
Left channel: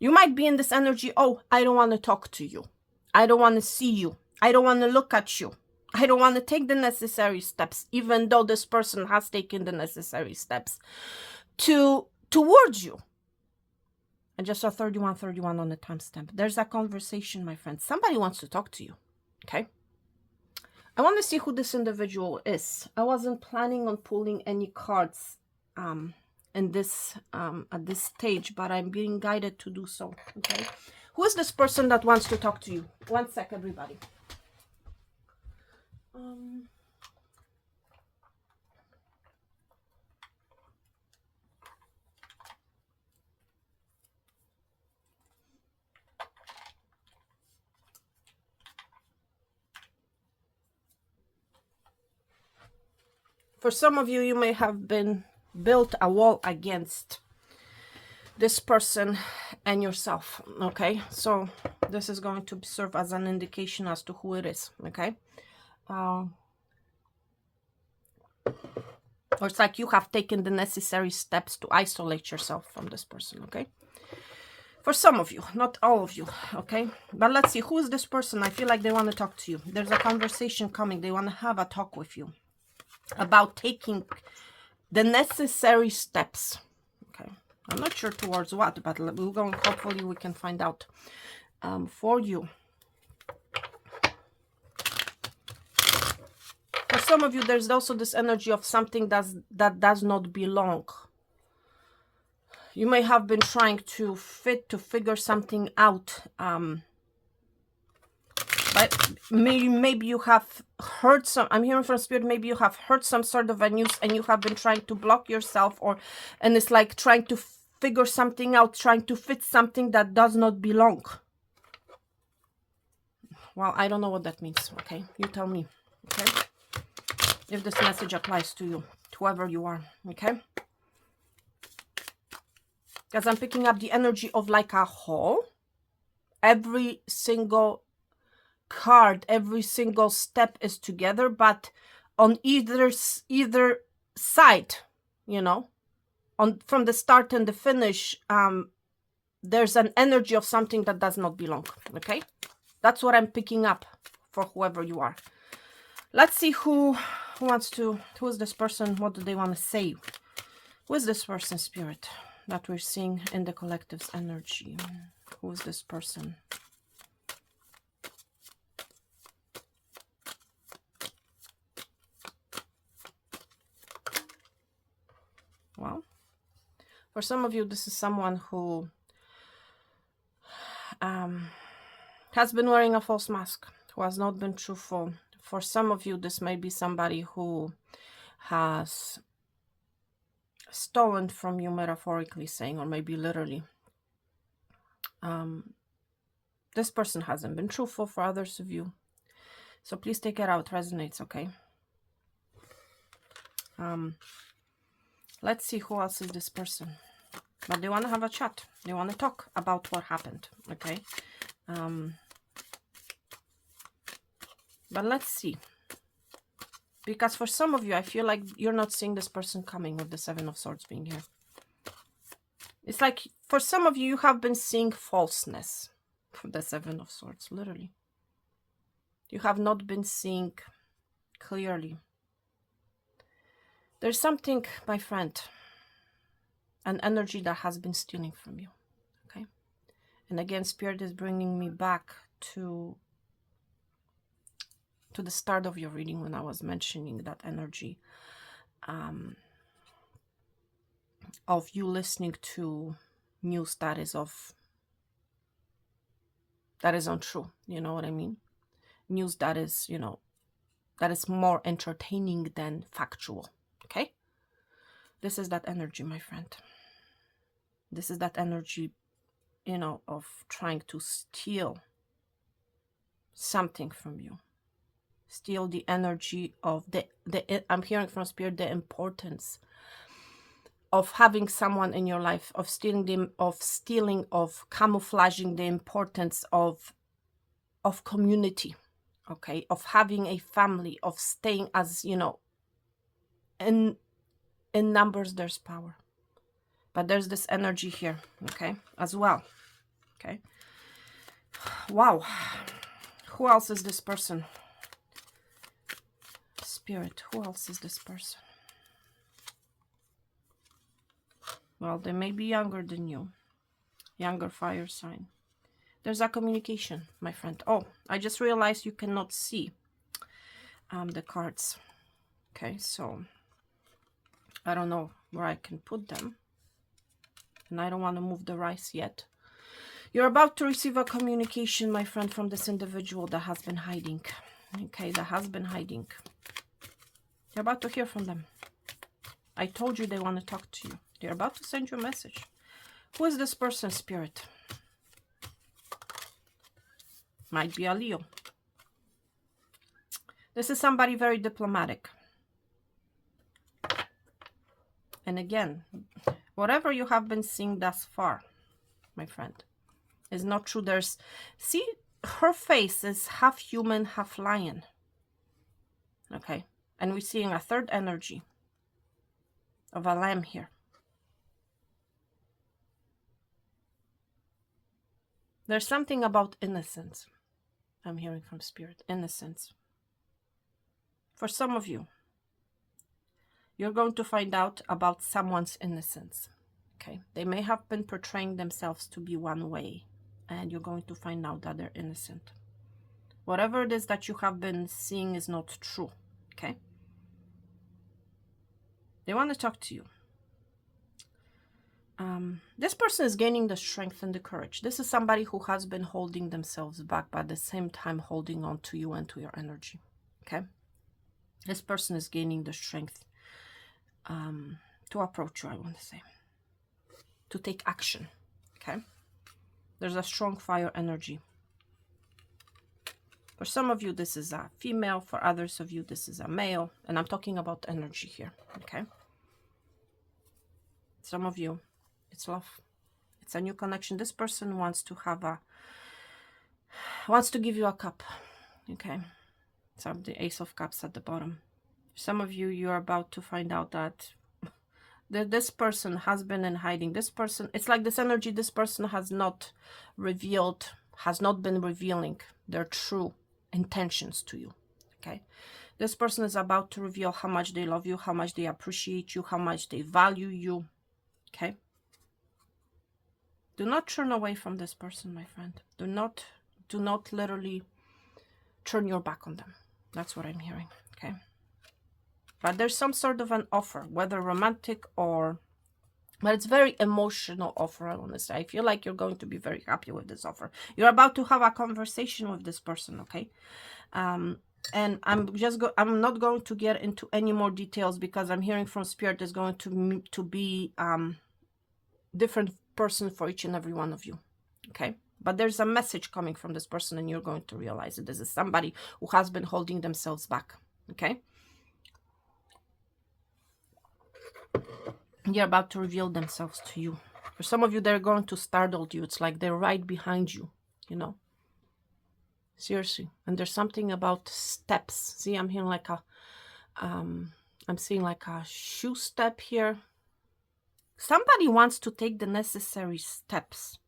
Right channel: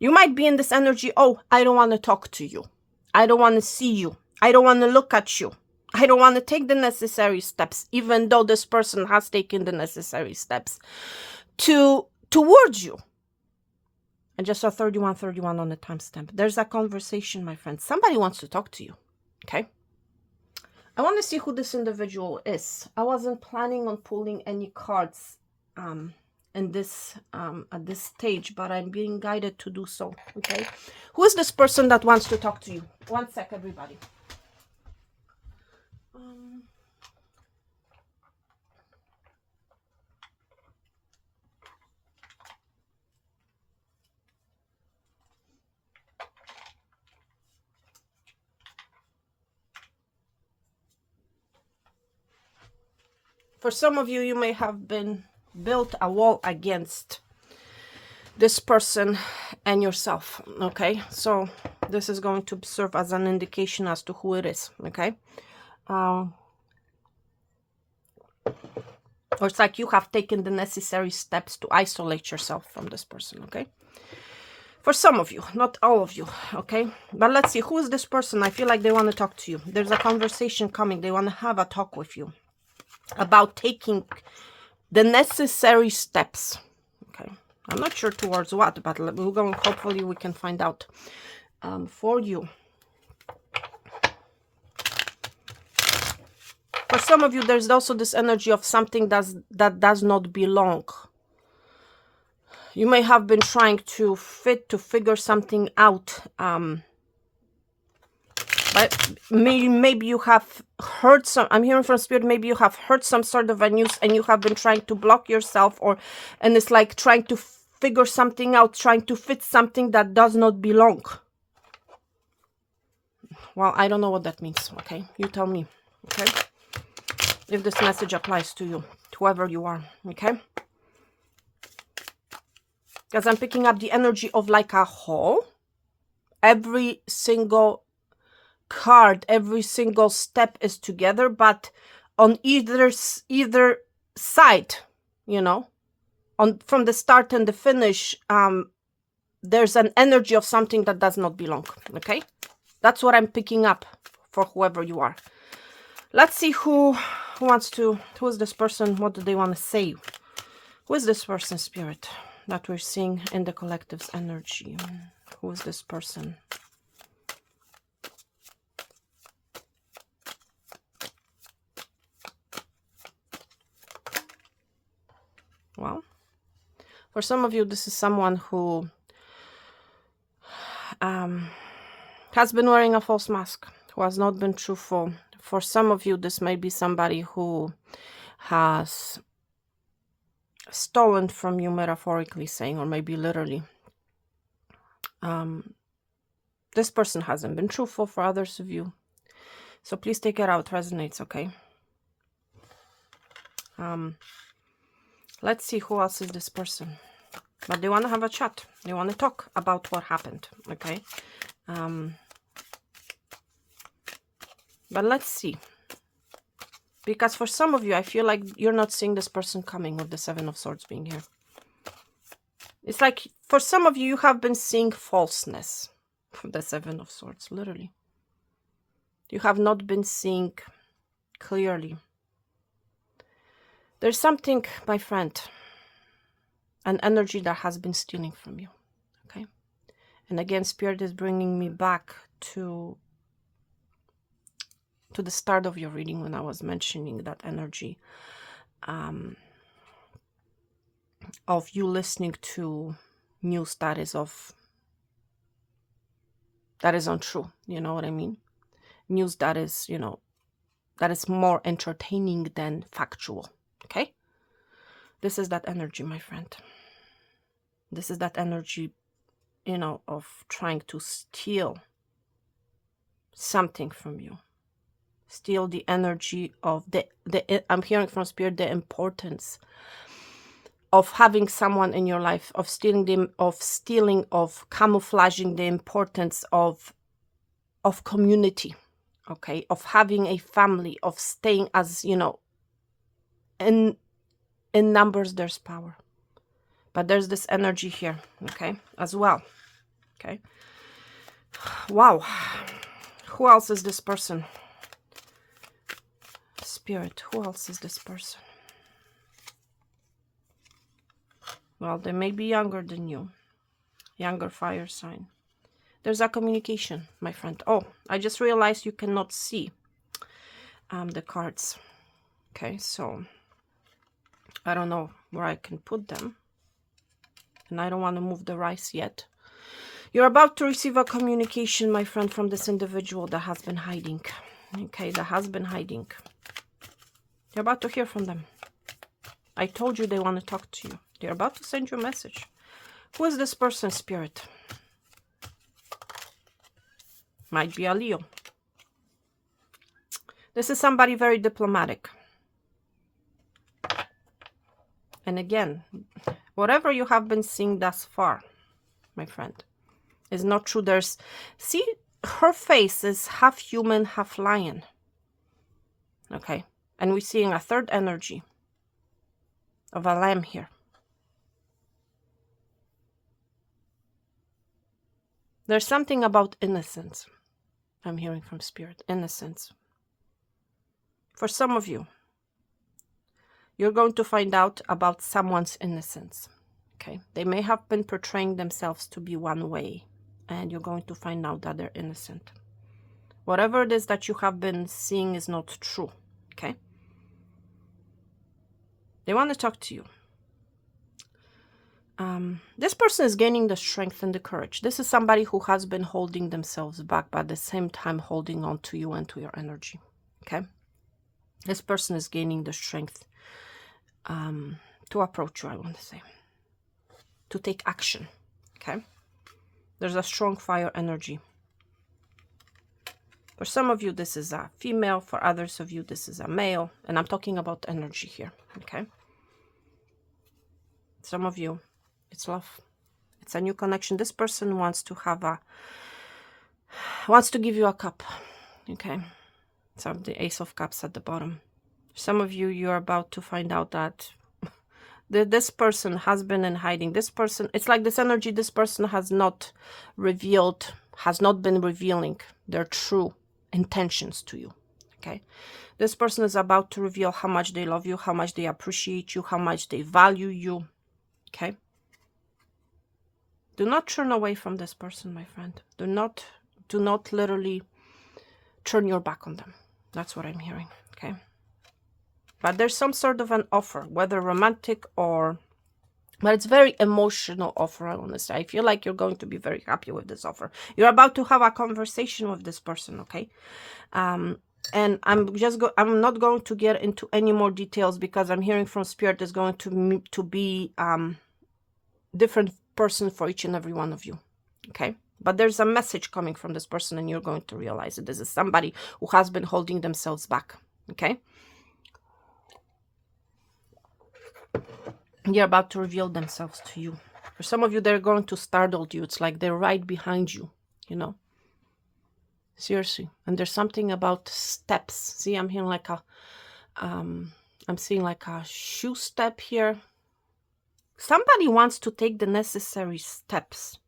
You might be in this energy, oh, I don't want to talk to you. I don't want to see you. I don't want to look at you. I don't want to take the necessary steps, even though this person has taken the necessary steps towards you. And just saw 31 on the timestamp. There's a conversation, my friend. Somebody wants to talk to you, okay? I want to see who this individual is. I wasn't planning on pulling any cards in this at this stage, but I'm being guided to do so, okay? Who is this person that wants to talk to you? One sec, everybody. For some of you, you may have been built a wall against this person and yourself, okay? So this is going to serve as an indication as to who it is, okay? Or it's like you have taken the necessary steps to isolate yourself from this person, okay? For some of you, not all of you, okay? But let's see, who is this person? I feel like they want to talk to you. There's a conversation coming. They want to have a talk with you about taking the necessary steps, okay? I'm not sure towards what, but we're going, hopefully we can find out for you. For some of you, there's also this energy of something that does not belong. You may have been trying to figure something out. But maybe you have heard some, I'm hearing from Spirit, maybe you have heard some sort of a news and you have been trying to block yourself, and it's like trying to figure something out, trying to fit something that does not belong. Well, I don't know what that means, okay? You tell me, okay? If this message applies to you, whoever you are, okay? Because I'm picking up the energy of like a whole. Every single card, every single step is together, but on either side, you know, from the start and the finish, there's an energy of something that does not belong, okay? That's what I'm picking up for whoever you are. Let's see who is this person? What do they want to say? Who is this person, Spirit, that we're seeing in the collective's energy? Who is this person? Well, for some of you, this is someone who has been wearing a false mask, who has not been truthful. For some of you, this may be somebody who has stolen from you, metaphorically saying, or maybe literally. This person hasn't been truthful for others of you. So please take it out. It resonates, okay? Let's see, who else is this person? But they want to have a chat. They want to talk about what happened. Okay. But let's see. Because for some of you, I feel like you're not seeing this person coming with the Seven of Swords being here. It's like for some of you, you have been seeing falseness. The Seven of Swords, literally. You have not been seeing clearly. There's something, my friend, an energy that has been stealing from you. Okay. And again, Spirit is bringing me back to the start of your reading when I was mentioning that energy of you listening to news that is untrue. You know what I mean? News that is, you know, that is more entertaining than factual. Okay? This is that energy, my friend. This is that energy, you know, of trying to steal something from you. Steal the energy of I'm hearing from Spirit the importance of having someone in your life, of camouflaging the importance of community, okay, of having a family, of staying as, you know, in numbers there's power. But there's this energy here, okay, as well. Okay. Wow. Who else is this person? Spirit, who else is this person? Well, they may be younger than you. Younger fire sign. There's a communication, my friend. Oh, I just realized you cannot see the cards. Okay, so I don't know where I can put them. And I don't want to move the rice yet. You're about to receive a communication, my friend, from this individual that has been hiding. Okay, that has been hiding. You're about to hear from them. I told you they want to talk to you. They're about to send you a message. Who is this person, Spirit? Might be a Leo. This is somebody very diplomatic. And again, whatever you have been seeing thus far, my friend, is not true. See, her face is half human, half lion. Okay. And we're seeing a third energy of a lamb here. There's something about innocence. I'm hearing from Spirit. Innocence. For some of you, you're going to find out about someone's innocence. Okay. They may have been portraying themselves to be one way, and you're going to find out that they're innocent. Whatever it is that you have been seeing is not true. Okay. They want to talk to you. This person is gaining the strength and the courage. This is somebody who has been holding themselves back, but at the same time holding on to you and to your energy. Okay. This person is gaining the strength to approach you, I want to say. To take action. Okay. There's a strong fire energy. For some of you, this is a female. For others of you, this is a male. And I'm talking about energy here. Okay. Some of you, it's love. It's a new connection. This person wants to give you a cup. Okay. So the Ace of Cups at the bottom. Some of you, you're about to find out that this person has been in hiding. This person, it's like this energy, this person has not been revealing their true intentions to you. Okay. This person is about to reveal how much they love you, how much they appreciate you, how much they value you. Okay. Do not turn away from this person, my friend. Do not literally turn your back on them. That's what I'm hearing. Okay. But there's some sort of an offer, whether romantic but it's very emotional offer, I want to say. I feel like you're going to be very happy with this offer. You're about to have a conversation with this person, okay? And I'm not going to get into any more details because I'm hearing from Spirit is going to be different person for each and every one of you, okay? But there's a message coming from this person and you're going to realize that this is somebody who has been holding themselves back, okay? They're about to reveal themselves to you. For some of you, they're going to startle you. It's like they're right behind you, you know. Seriously. And there's something about steps. See, I'm hearing like a, I'm seeing like a shoe step here. Somebody wants to take the necessary steps.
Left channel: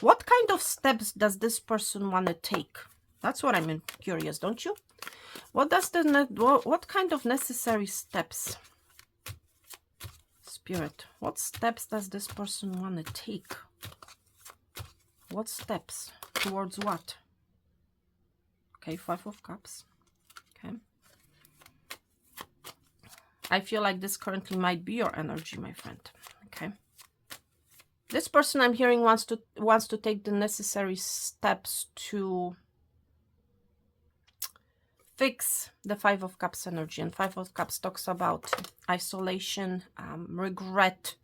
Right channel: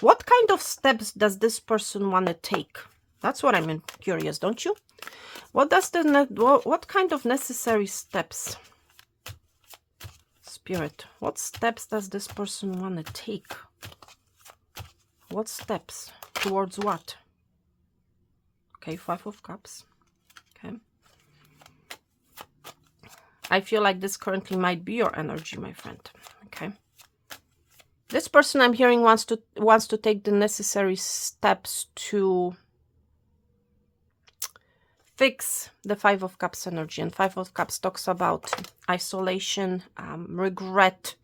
What kind of steps does this person want to take? That's what I'm curious, don't you? What does what kind of necessary steps? Spirit, what steps does this person want to take? What steps? Towards what? Okay, 5 of Cups. Okay. I feel like this currently might be your energy, my friend. Okay. This person I'm hearing wants to take the necessary steps to fix the 5 of Cups energy. And 5 of Cups talks about isolation, regret,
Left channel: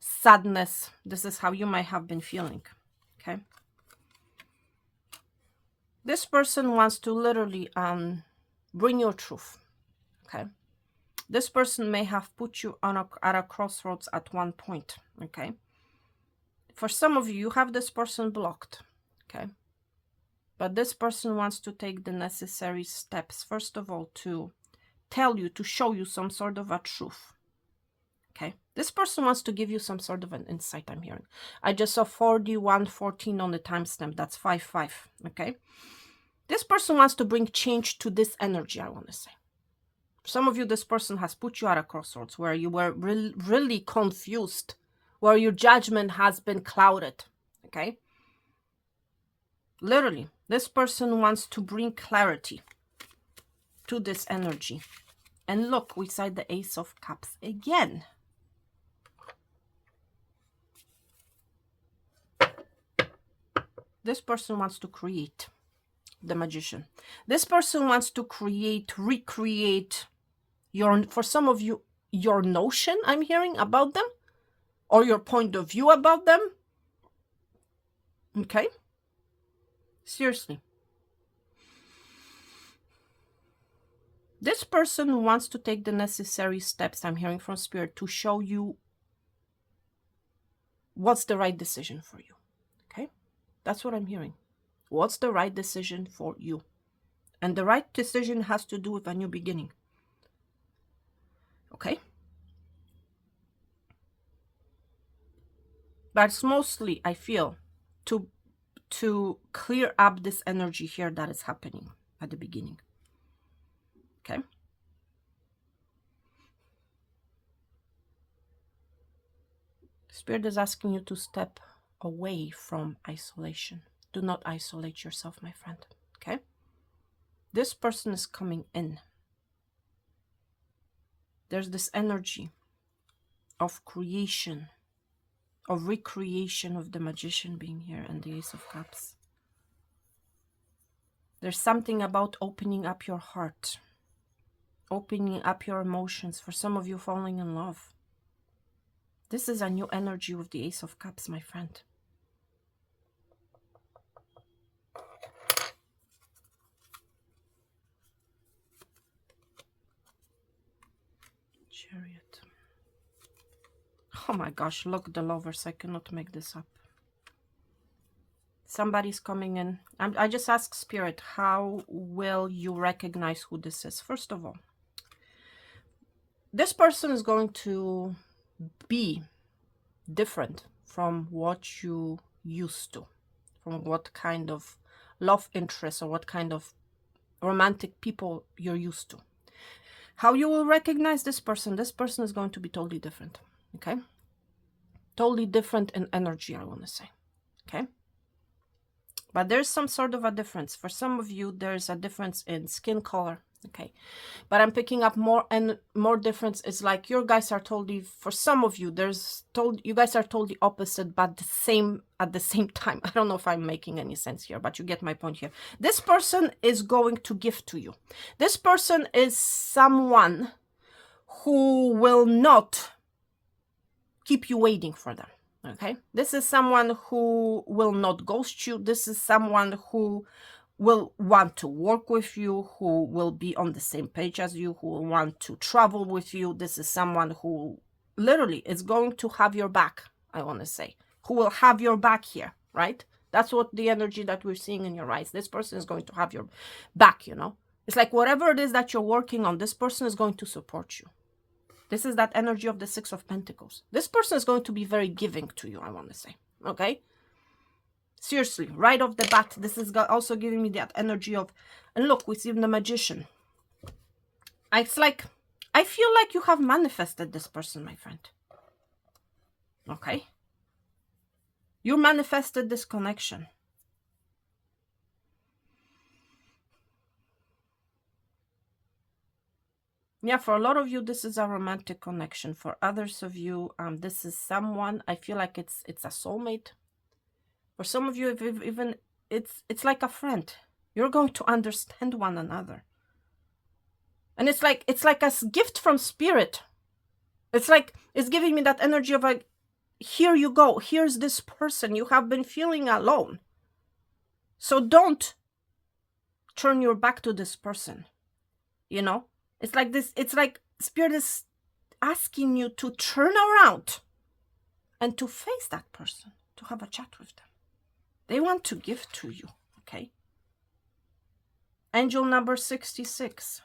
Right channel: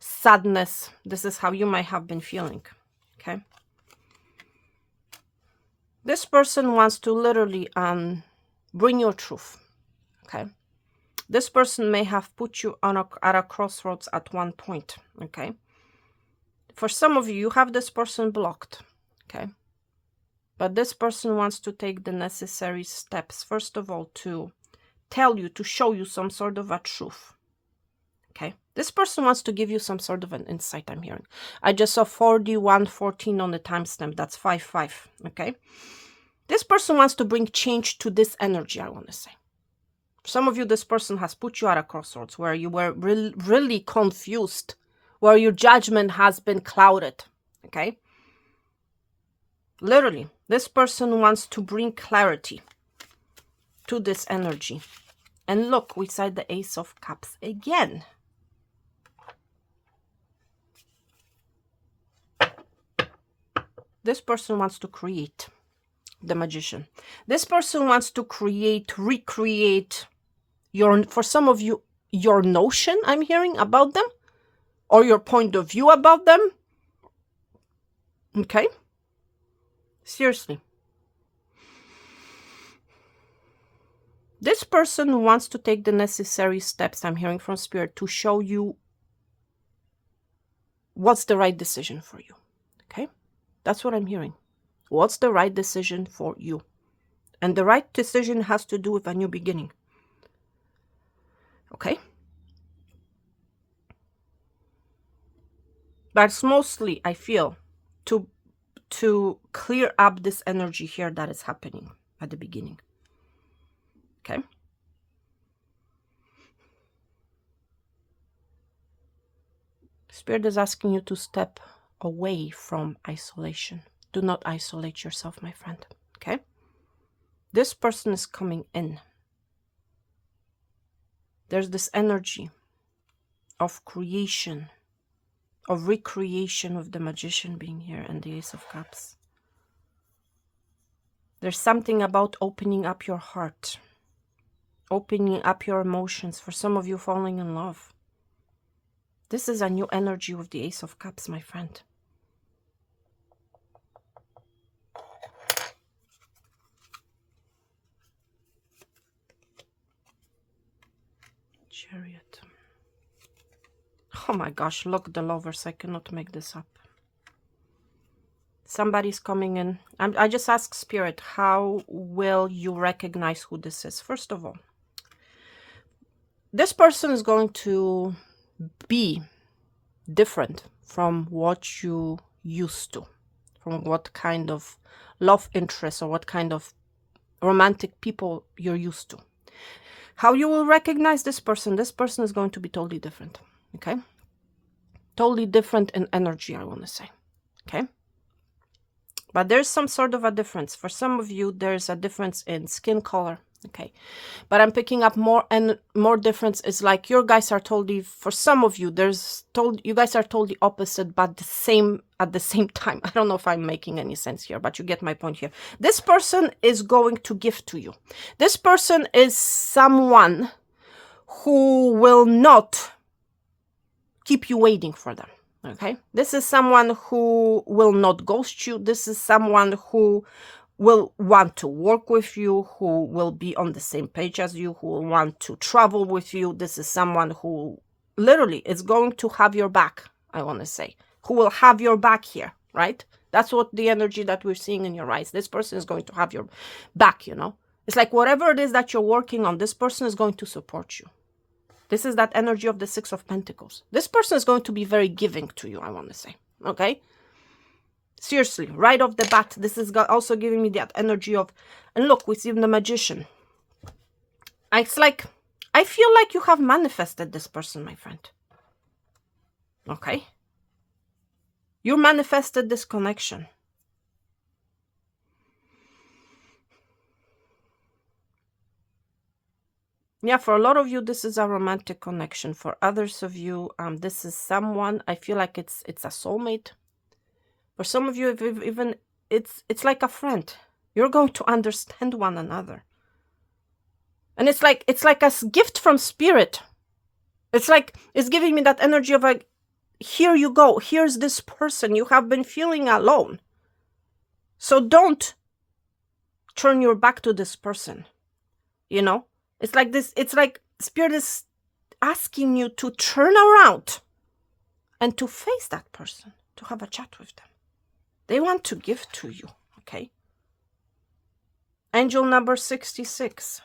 sadness. This is how you might have been feeling. Okay. This person wants to literally bring your truth. Okay. This person may have put you on at a crossroads at one point. Okay. For some of you, you have this person blocked. Okay. But this person wants to take the necessary steps, first of all, to tell you, to show you some sort of a truth. Okay. This person wants to give you some sort of an insight, I'm hearing. I just saw 4114 on the timestamp. That's 5-5. Okay. This person wants to bring change to this energy, I want to say. For some of you, this person has put you at a crossroads where you were really confused, where your judgment has been clouded. Okay. Literally, this person wants to bring clarity to this energy. And look, we said the Ace of Cups again. This person wants to create, the Magician. This person wants to create, recreate for some of you, your notion, I'm hearing, about them, or your point of view about them. Okay. Seriously. This person wants to take the necessary steps, I'm hearing from Spirit, to show you what's the right decision for you. Okay? That's what I'm hearing. What's the right decision for you? And the right decision has to do with a new beginning. Okay? That's mostly, I feel, to clear up this energy here that is happening at the beginning. Okay. Spirit is asking you to step away from isolation. Do not isolate yourself, my friend. Okay. This person is coming in. There's this energy of creation, of recreation of the Magician being here and the Ace of Cups. There's something about opening up your heart, opening up your emotions. For some of you, falling in love. This is a new energy with the Ace of Cups, my friend. Chariot. Oh my gosh, look, the Lovers. I cannot make this up. Somebody's coming in. I just ask Spirit, how will you recognize who this is? First of all, this person is going to be different from what you used to, from what kind of love interest or what kind of romantic people you're used to. How you will recognize this person is going to be totally different. Okay. Totally different in energy, I want to say. Okay. But there's some sort of a difference. For some of you, there's a difference in skin color. Okay. But I'm picking up more and more difference. It's like you guys are totally, for some of you, you guys are totally opposite, but the same at the same time. I don't know if I'm making any sense here, but you get my point here. This person is going to give to you. This person is someone who will not keep you waiting for them. Okay, this is someone who will not ghost you. This is someone who will want to work with you, who will be on the same page as you, who will want to travel with you. This is someone who literally is going to have your back, I want to say. who will have your back here, right? That's what the energy that we're seeing in your eyes. This person is going to have your back, you know. It's like whatever it is that you're working on, this person is going to support you. This is that energy of the Six of Pentacles. This person is going to be very giving to you, I want to say, okay? Seriously, right off the bat, this is also giving me that energy of, and look, we see the Magician. It's like, I feel like you have manifested this person, my friend. Okay? You manifested this connection. Yeah, for a lot of you, this is a romantic connection. For others of you, this is someone, I feel like it's a soulmate. For some of you, even it's like a friend. You're going to understand one another. And it's like a gift from spirit. It's like, it's giving me that energy of like, here you go. Here's this person. You have been feeling alone. So don't turn your back to this person. You know? It's like this, it's like spirit is asking you to turn around and to face that person, to have a chat with them. They want to give to you, okay? Angel number 66.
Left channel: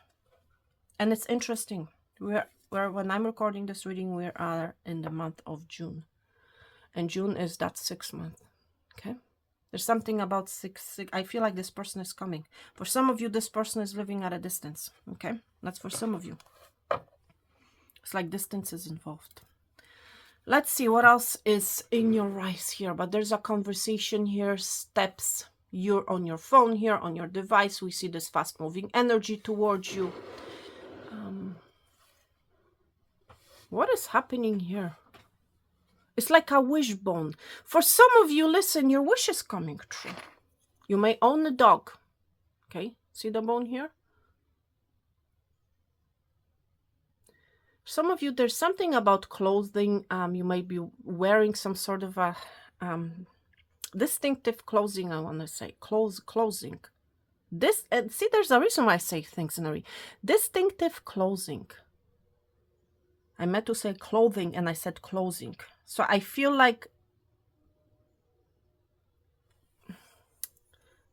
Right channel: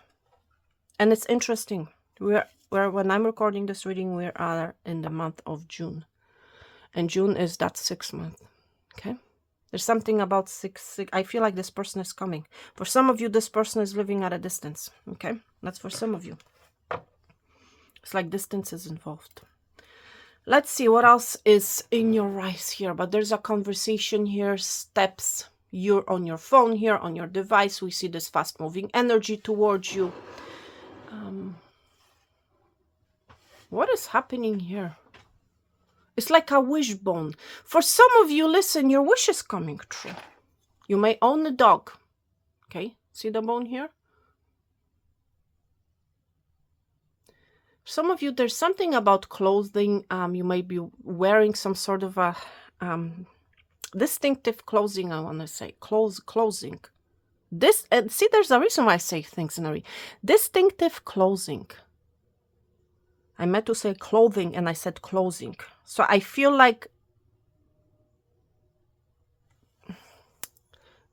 And it's interesting. When I'm recording this reading, we are in the month of June. And June is that 6th month, okay? There's something about six. I feel like this person is coming. For some of you, this person is living at a distance, okay? That's for some of you. It's like distance is involved. Let's see what else is in your eyes here. But there's a conversation here, steps. You're on your phone here, on your device. We see this fast-moving energy towards you. What is happening here? It's like a wishbone. For some of you, listen, your wish is coming true. You may own a dog. Okay, see the bone here? Some of you, there's something about clothing. You may be wearing some sort of a distinctive clothing, I want to say. Clothing. This, and see, there's a reason why I say things in a read. Distinctive clothing. I meant to say clothing and I said clothing. So I feel like,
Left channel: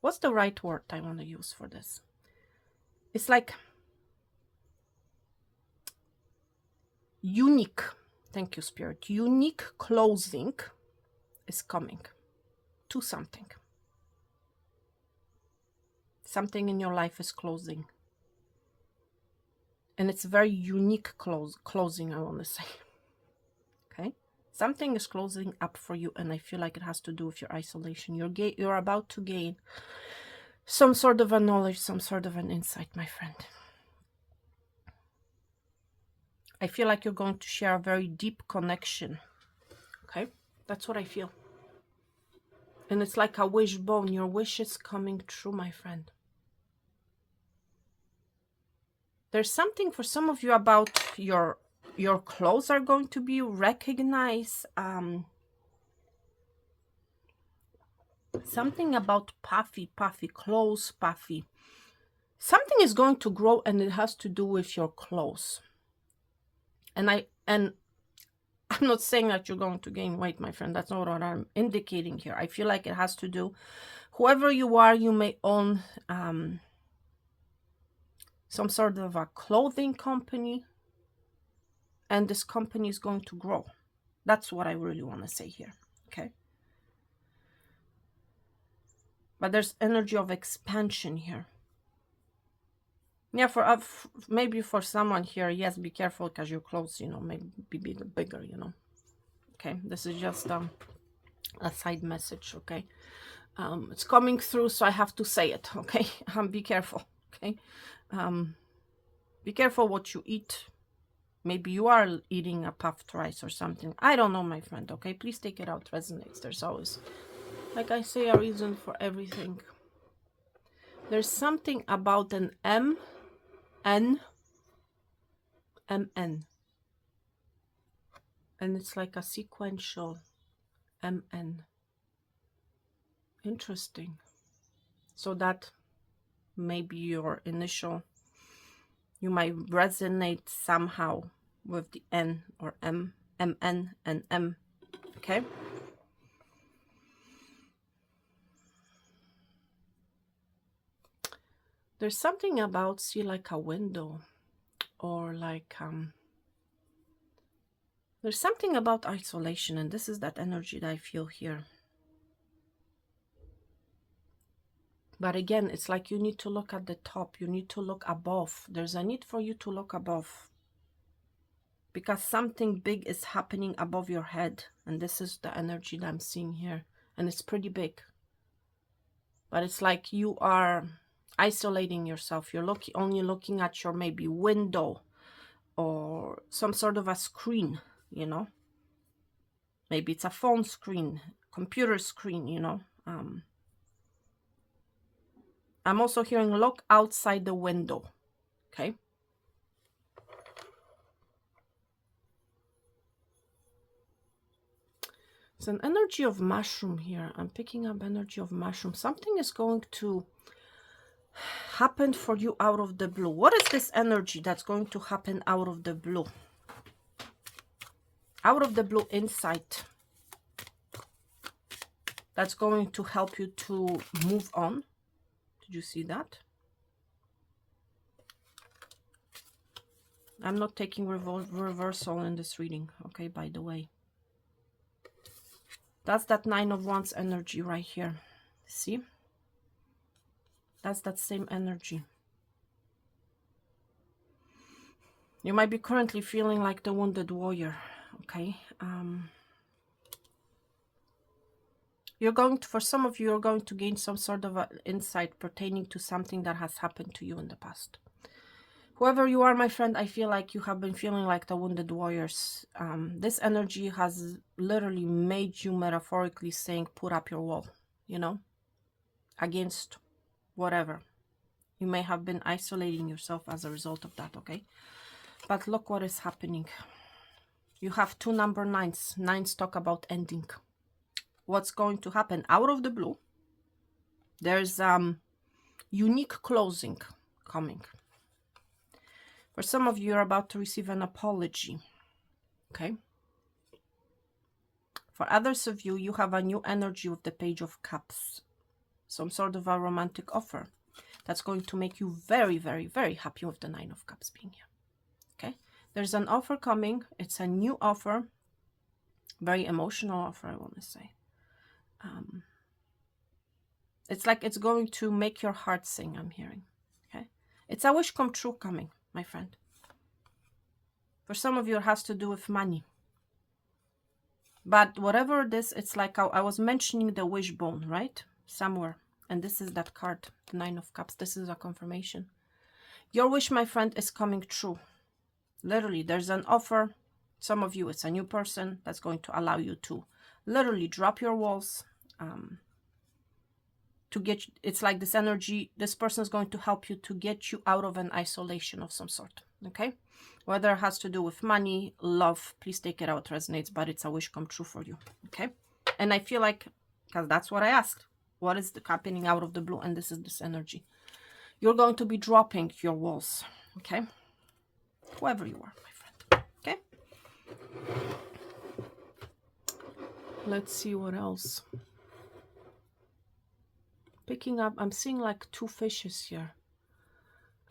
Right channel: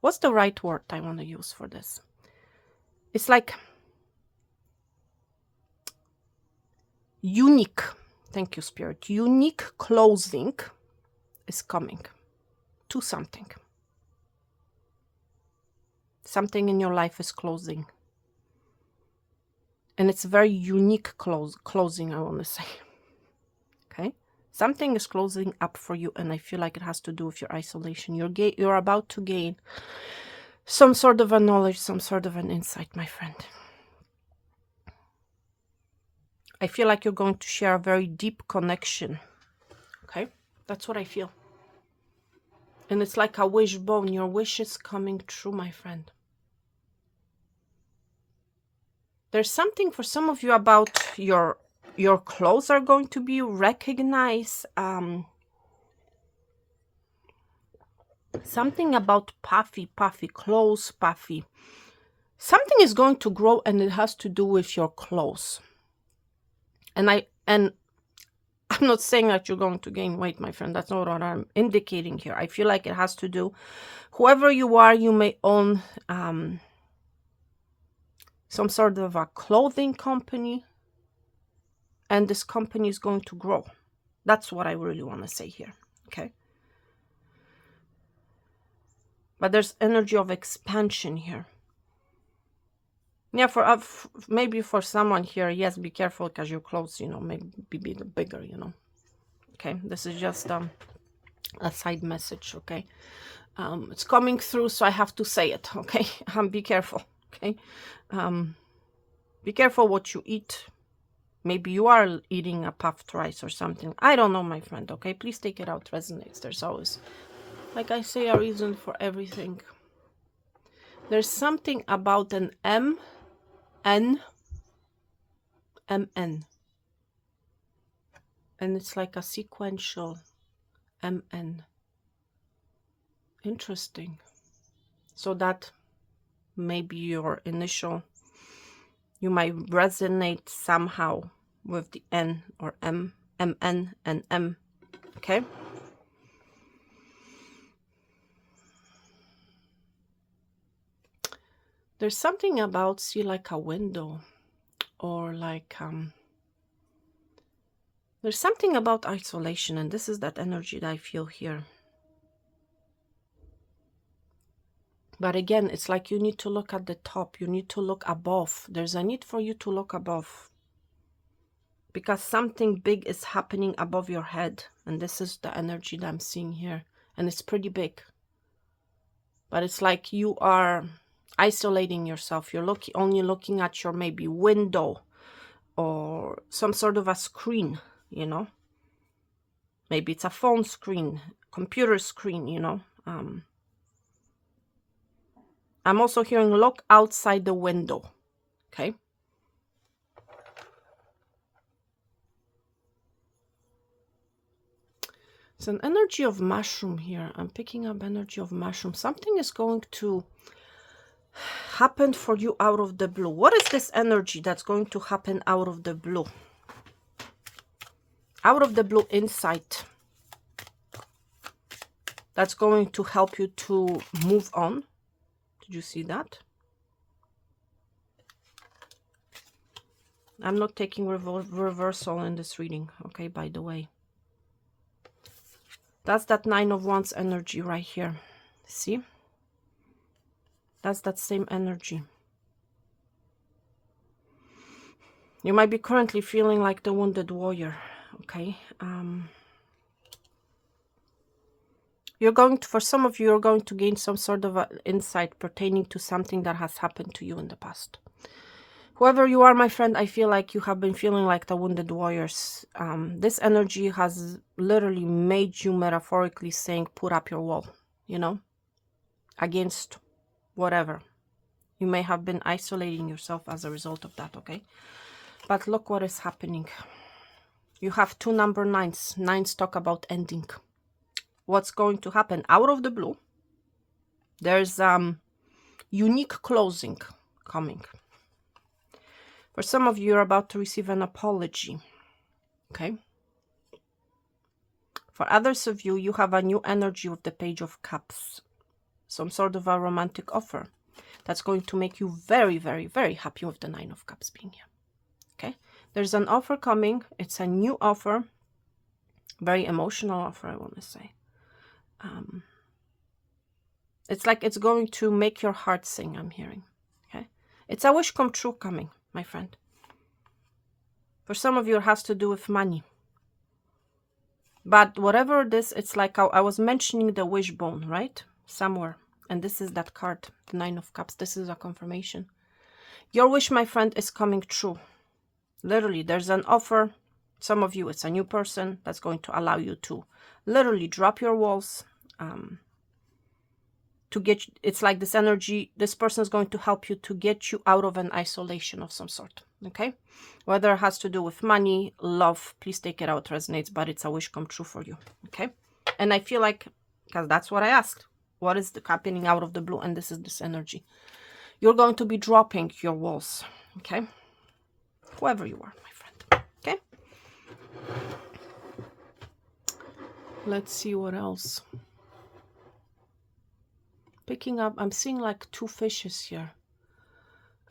what's the right word I want to use for this? It's like unique. Thank you, Spirit. Unique clothing is coming to something. Something in your life is closing. And it's very unique closing, I want to say. Okay? Something is closing up for you, and I feel like it has to do with your isolation. You're about to gain some sort of a knowledge, some sort of an insight, my friend. I feel like you're going to share a very deep connection. Okay? That's what I feel. And it's like a wishbone. Your wish is coming true, my friend. There's something for some of you about your clothes are going to be recognized. Something about puffy clothes, puffy. Something is going to grow, and it has to do with your clothes. And I'm not saying that you're going to gain weight, my friend. That's not what I'm indicating here. I feel like it has to do, whoever you are, you may own some sort of a clothing company, and this company is going to grow. That's what I really want to say here, okay? But there's energy of expansion here. Yeah, maybe for someone here, yes, be careful because your clothes, you know, may be bigger, you know. Okay, this is just a side message, okay? It's coming through, so I have to say it, okay? Be careful, okay? Be careful what you eat. Maybe you are eating a puffed rice or something. I don't know, my friend, okay? Please take it out, resonates. There's always, like I say, a reason for everything. There's something about an MN. And it's like a sequential MN. Interesting. So that maybe your initial, you might resonate somehow with the N or MN and M. Okay? There's something about, see, like a window, or like there's something about isolation, and this is that energy that I feel here. But again, it's like you need to look at the top, you need to look above. There's a need for you to look above, because something big is happening above your head, and this is the energy that I'm seeing here, and it's pretty big. But it's like you are isolating yourself. You're only looking at your maybe window or some sort of a screen, you know. Maybe it's a phone screen, computer screen, you know. I'm also hearing look outside the window, okay? It's an energy of mushroom here. I'm picking up energy of mushroom. Something is going to happen for you out of the blue. What is this energy that's going to happen out of the blue? Out of the blue insight. That's going to help you to move on. Did you see that? I'm not taking reversal in this reading, okay, by the way. That's that Nine of Wands energy right here. See? That's that same energy. You might be currently feeling like the wounded warrior, okay? You're going to, for some of you, you're going to gain some sort of insight pertaining to something that has happened to you in the past. Whoever you are, my friend, I feel like you have been feeling like the wounded warriors. This energy has literally made you, metaphorically saying, put up your wall, you know, against whatever. You may have been isolating yourself as a result of that, okay? But look what is happening. You have two number nines. Nines talk about ending. What's going to happen out of the blue? There's unique closing coming. For some of you, you're about to receive an apology, okay? For others of you, you have a new energy with the Page of Cups. Some sort of a romantic offer that's going to make you very, very, very happy with the Nine of Cups being here, okay? There's an offer coming. It's a new offer. Very emotional offer, I want to say. It's like it's going to make your heart sing, I'm hearing, okay? It's a wish come true coming, my friend. For some of you, it has to do with money. But whatever it is, it's like I was mentioning the wishbone, right? Somewhere. And this is that card, the Nine of Cups. This is a confirmation. Your wish, my friend, is coming true. Literally, there's an offer. Some of you, it's a new person that's going to allow you to literally drop your walls. To get, it's like this energy, this person is going to help you to get you out of an isolation of some sort, okay? Whether it has to do with money, love, please take it out, resonates, but it's a wish come true for you, okay? And I feel like, because that's what I asked, what is happening out of the blue? And this is this energy. You're going to be dropping your walls, okay? Whoever you are, my friend, okay? Let's see what else. Picking up, I'm seeing like two fishes here.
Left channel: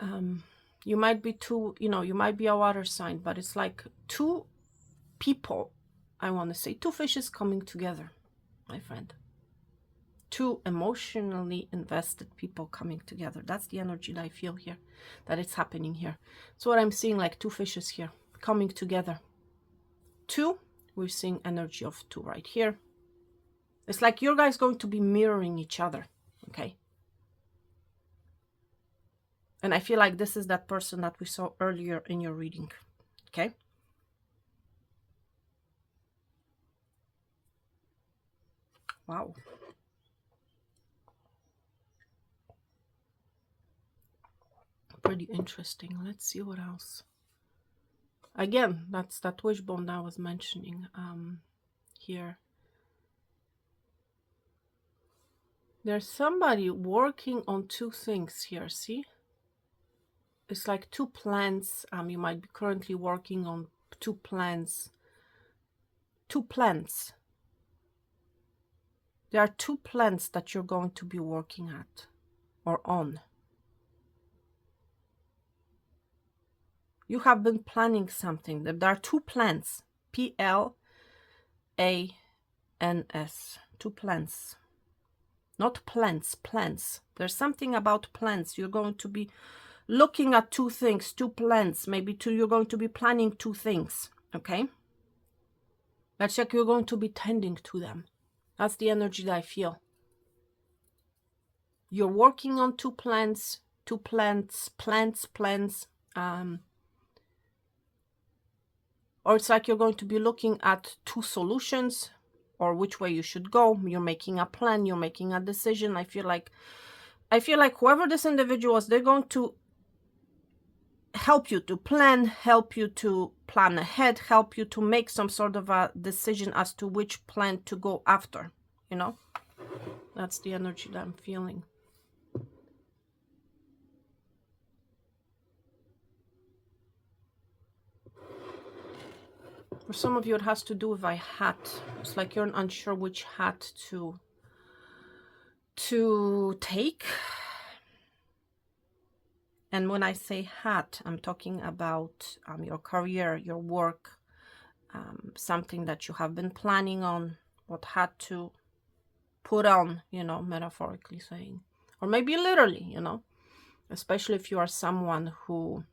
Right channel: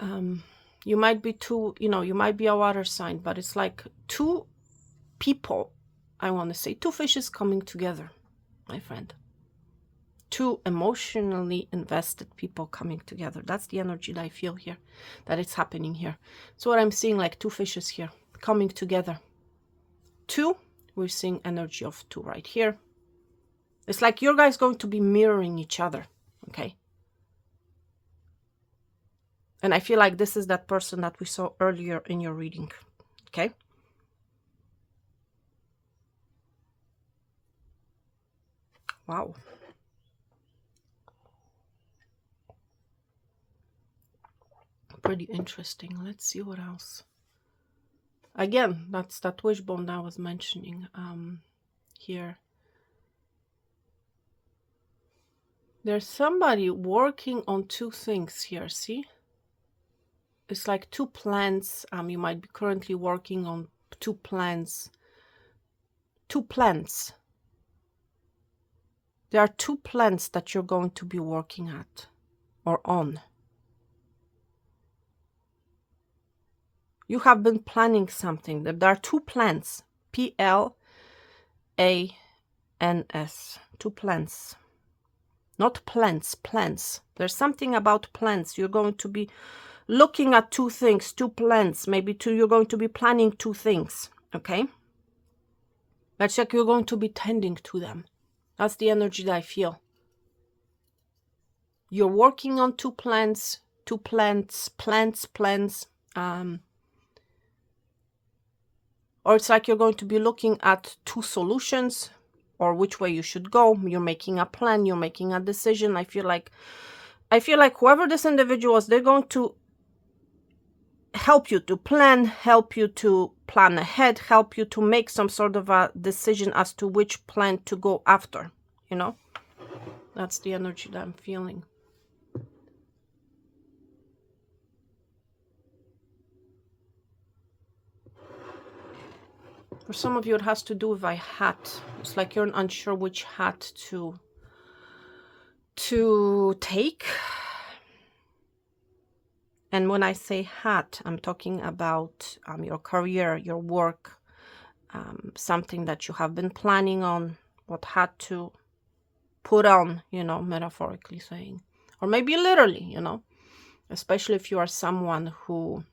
You might be two, you know, you might be a water sign, but it's like two people, I want to say, two fishes coming together, my friend. Two emotionally invested people coming together. That's the energy that I feel here, that it's happening here. So what I'm seeing, like two fishes here coming together. Two, we're seeing energy of two right here. It's like you guys going to be mirroring each other, okay? And I feel like this is that person that we saw earlier in your reading, okay? Wow. Pretty interesting. Let's see what else. Again, that's that wishbone that I was mentioning here. There's somebody working on two things here, see? It's like two plans. You might be currently working on two plans. Two plans. There are two plans that you're going to be working at or on. You have been planning something. There are two plans. P-L-A-N-S. Two plans. Not plans, plans. There's something about plans. You're going to be looking at two things, two plans. Maybe two, you're going to be planning two things. Okay? That's like you're going to be tending to them. That's the energy that I feel. You're working on two plans, plans. Or it's like you're going to be looking at two solutions or which way you should go. You're making a plan, you're making a decision. I feel like whoever this individual is, they're going to help you to plan, help you to plan ahead, help you to make some sort of a decision as to which plan to go after, you know? That's the energy that I'm feeling. For some of you, it has to do with a hat. It's like you're unsure which hat to take. And when I say hat, I'm talking about your career, your work, something that you have been planning on, what hat to put on, you know, metaphorically saying. Or maybe literally, you know, especially if you are someone who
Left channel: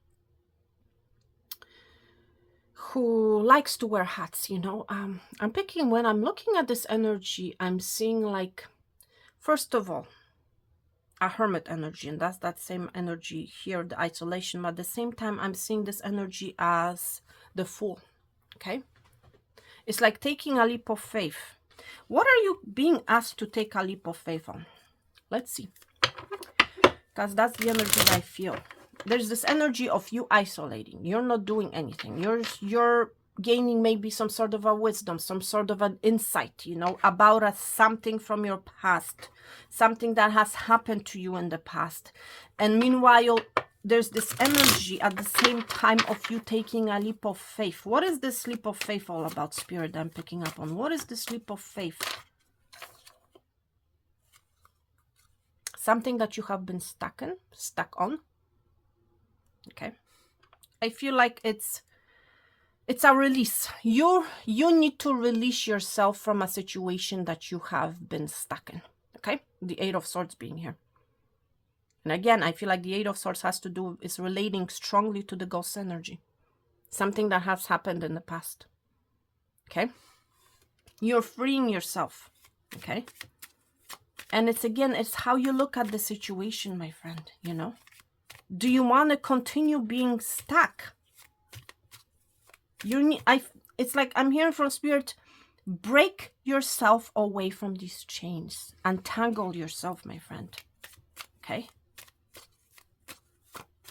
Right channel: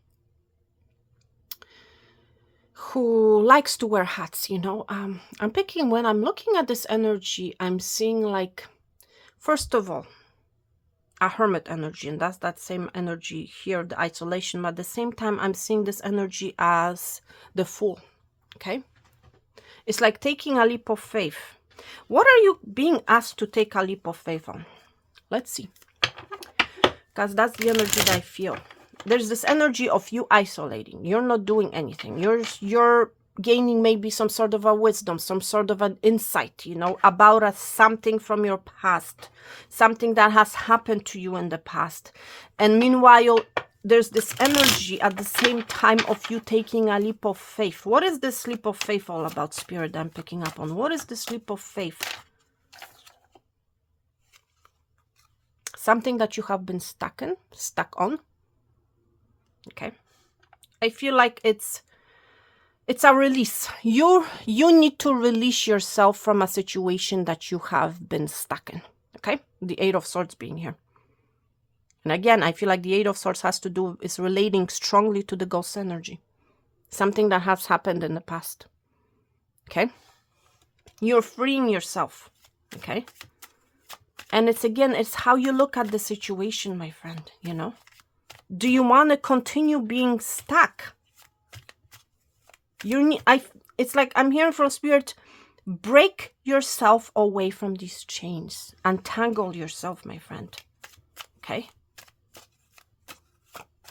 likes to wear hats, you know. I'm picking, when I'm looking at this energy, I'm seeing like, first of all, a hermit energy, and that's that same energy here, the isolation, but at the same time I'm seeing this energy as the Fool. Okay, it's like taking a leap of faith. What are you being asked to take a leap of faith on? Let's see, because that's the energy that I feel. There's this energy of you isolating. You're not doing anything. You're gaining maybe some sort of a wisdom, some sort of an insight, you know, about something from your past, something that has happened to you in the past. And meanwhile, there's this energy at the same time of you taking a leap of faith. What is this leap of faith all about, Spirit, I'm picking up on? What is this leap of faith? Something that you have been stuck on. Okay, I feel like it's a release. You need to release yourself from a situation that you have been stuck in. Okay, the Eight of Swords being here, and again, I feel like the Eight of Swords is relating strongly to the ghost energy, something that has happened in the past. Okay, you're freeing yourself. Okay, and it's how you look at the situation, my friend. You know, do you want to continue being stuck? It's like I'm hearing from Spirit, break yourself away from these chains. Untangle yourself, my friend. Okay?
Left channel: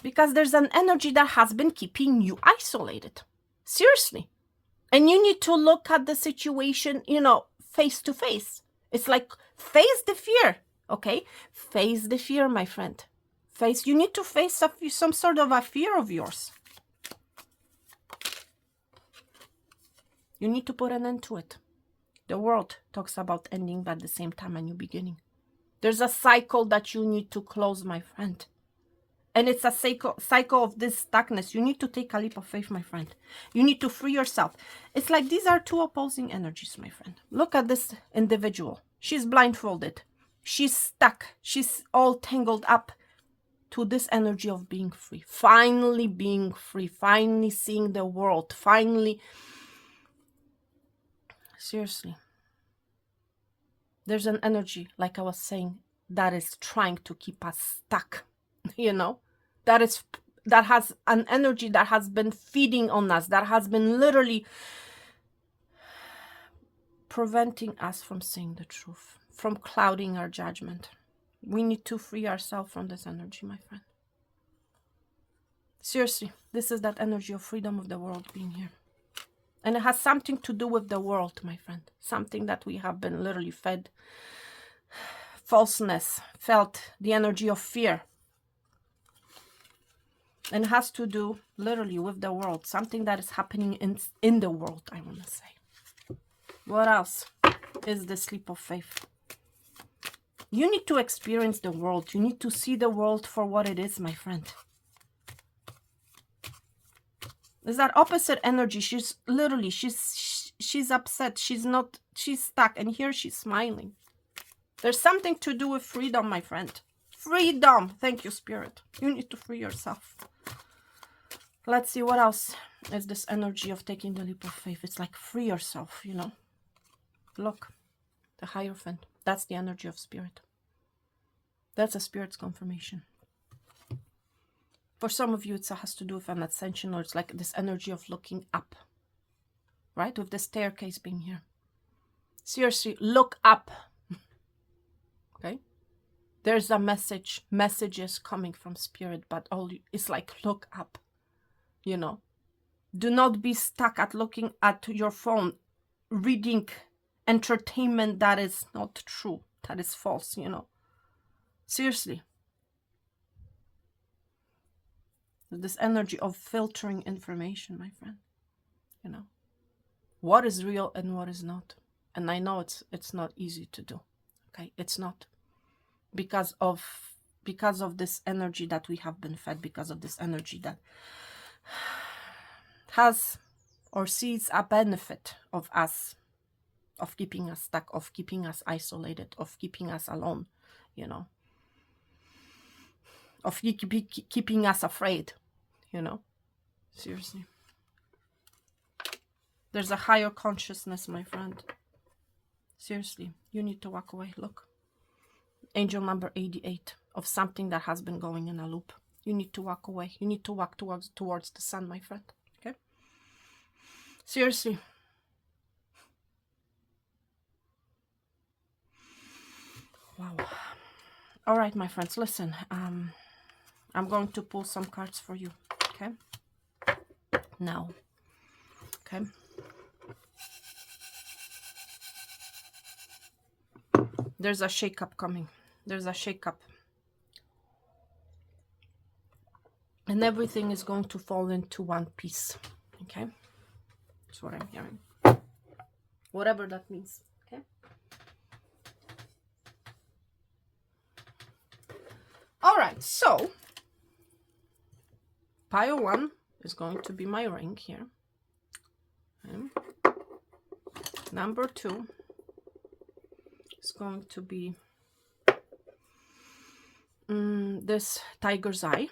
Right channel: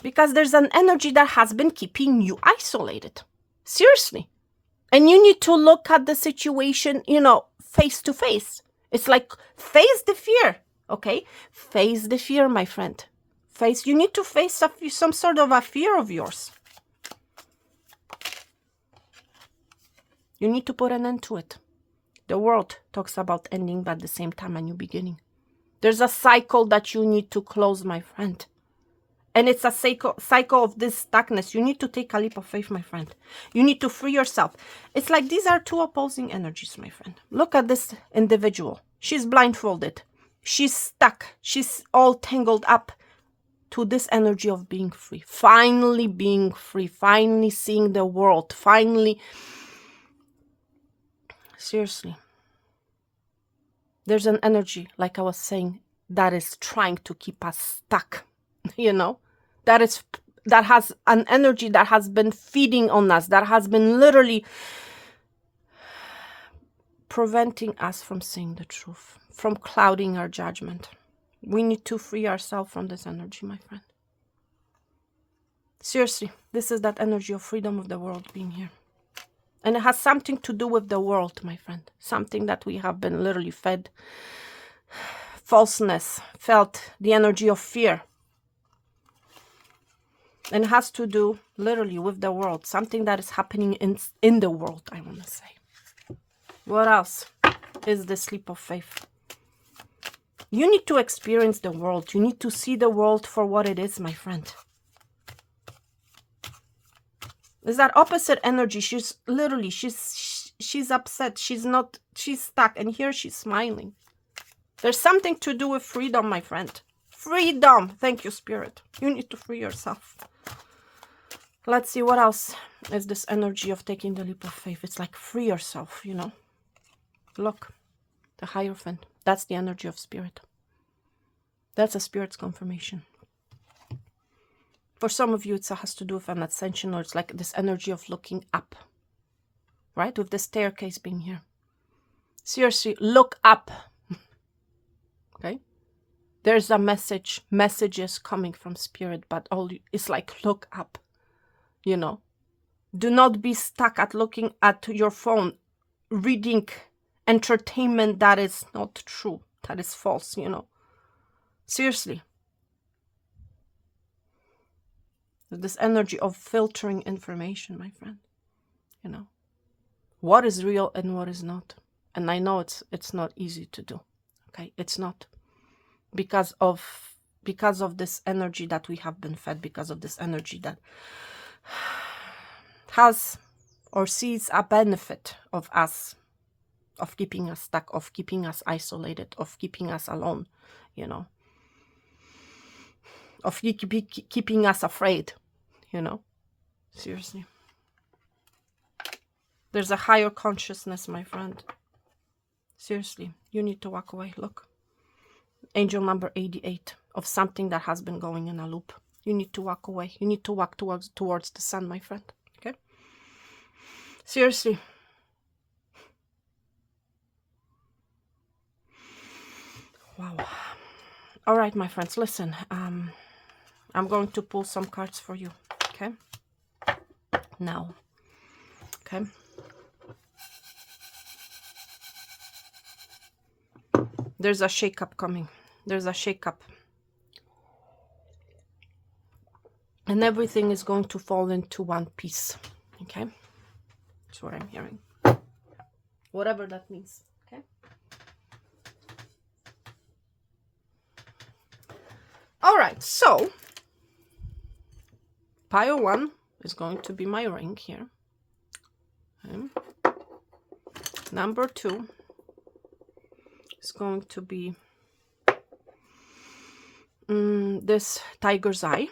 Because there's an energy that has been keeping you isolated. Seriously. And you need to look at the situation, you know, face to face. It's like face the fear. Okay? Face the fear, my friend. You need to face some sort of a fear of yours. You need to put an end to it. The world talks about ending, but at the same time a new beginning. There's a cycle that you need to close, my friend. And it's a cycle of this stuckness. You need to take a leap of faith, my friend. You need to free yourself. It's like these are two opposing energies, my friend. Look at this individual. She's blindfolded. She's stuck. She's all tangled up to this energy of being free. Finally being free. Finally seeing the world. Finally... Seriously. There's an energy, like I was saying, that is trying to keep us stuck. You know? That has an energy that has been feeding on us. That has been literally preventing us from seeing the truth. From clouding our judgment. We need to free ourselves from this energy, my friend. Seriously, this is that energy of freedom of the world being here. And it has something to do with the world, my friend. Something that we have been literally fed. Falseness, felt the energy of fear. And it has to do literally with the world. Something that is happening in the world, I want to say. What else is this leap of faith? You need to experience the world. You need to see the world for what it is, my friend. Is that opposite energy. She's literally, she's upset. She's stuck. And here she's smiling. There's something to do with freedom, my friend. Freedom. Thank you, Spirit. You need to free yourself. Let's see what else is this energy of taking the leap of faith. It's like free yourself, you know. Look, the Hierophant. That's the energy of Spirit. That's a Spirit's confirmation. For some of you, it has to do with an ascension, or it's like this energy of looking up. Right? With the staircase being here. Seriously, look up. Okay? There's a messages coming from Spirit, but it's like, look up. You know, do not be stuck at looking at your phone, reading entertainment that is not true, that is false, you know. Seriously. This energy of filtering information, my friend. You know, what is real and what is not. And I know it's not easy to do. Okay, it's not. Because of this energy that we have been fed, because of this energy that has or sees a benefit of us, of keeping us stuck, of keeping us isolated, of keeping us alone, you know, of keeping us afraid, you know. Seriously. There's a higher consciousness, my friend. Seriously, you need to walk away. Look, angel number 88, of something that has been going in a loop. You need to walk away. You need to walk towards the sun, my friend. Okay? Seriously. Wow. All right, my friends, listen. I'm going to pull some cards for you. Okay? Now. Okay? There's a shake-up coming. There's a shake-up. And everything is going to fall into one piece. Okay? That's what I'm hearing. Whatever that means. Okay? Alright, so pile 1 is going to be my ring here. Okay. Number 2 is going to be this tiger's eye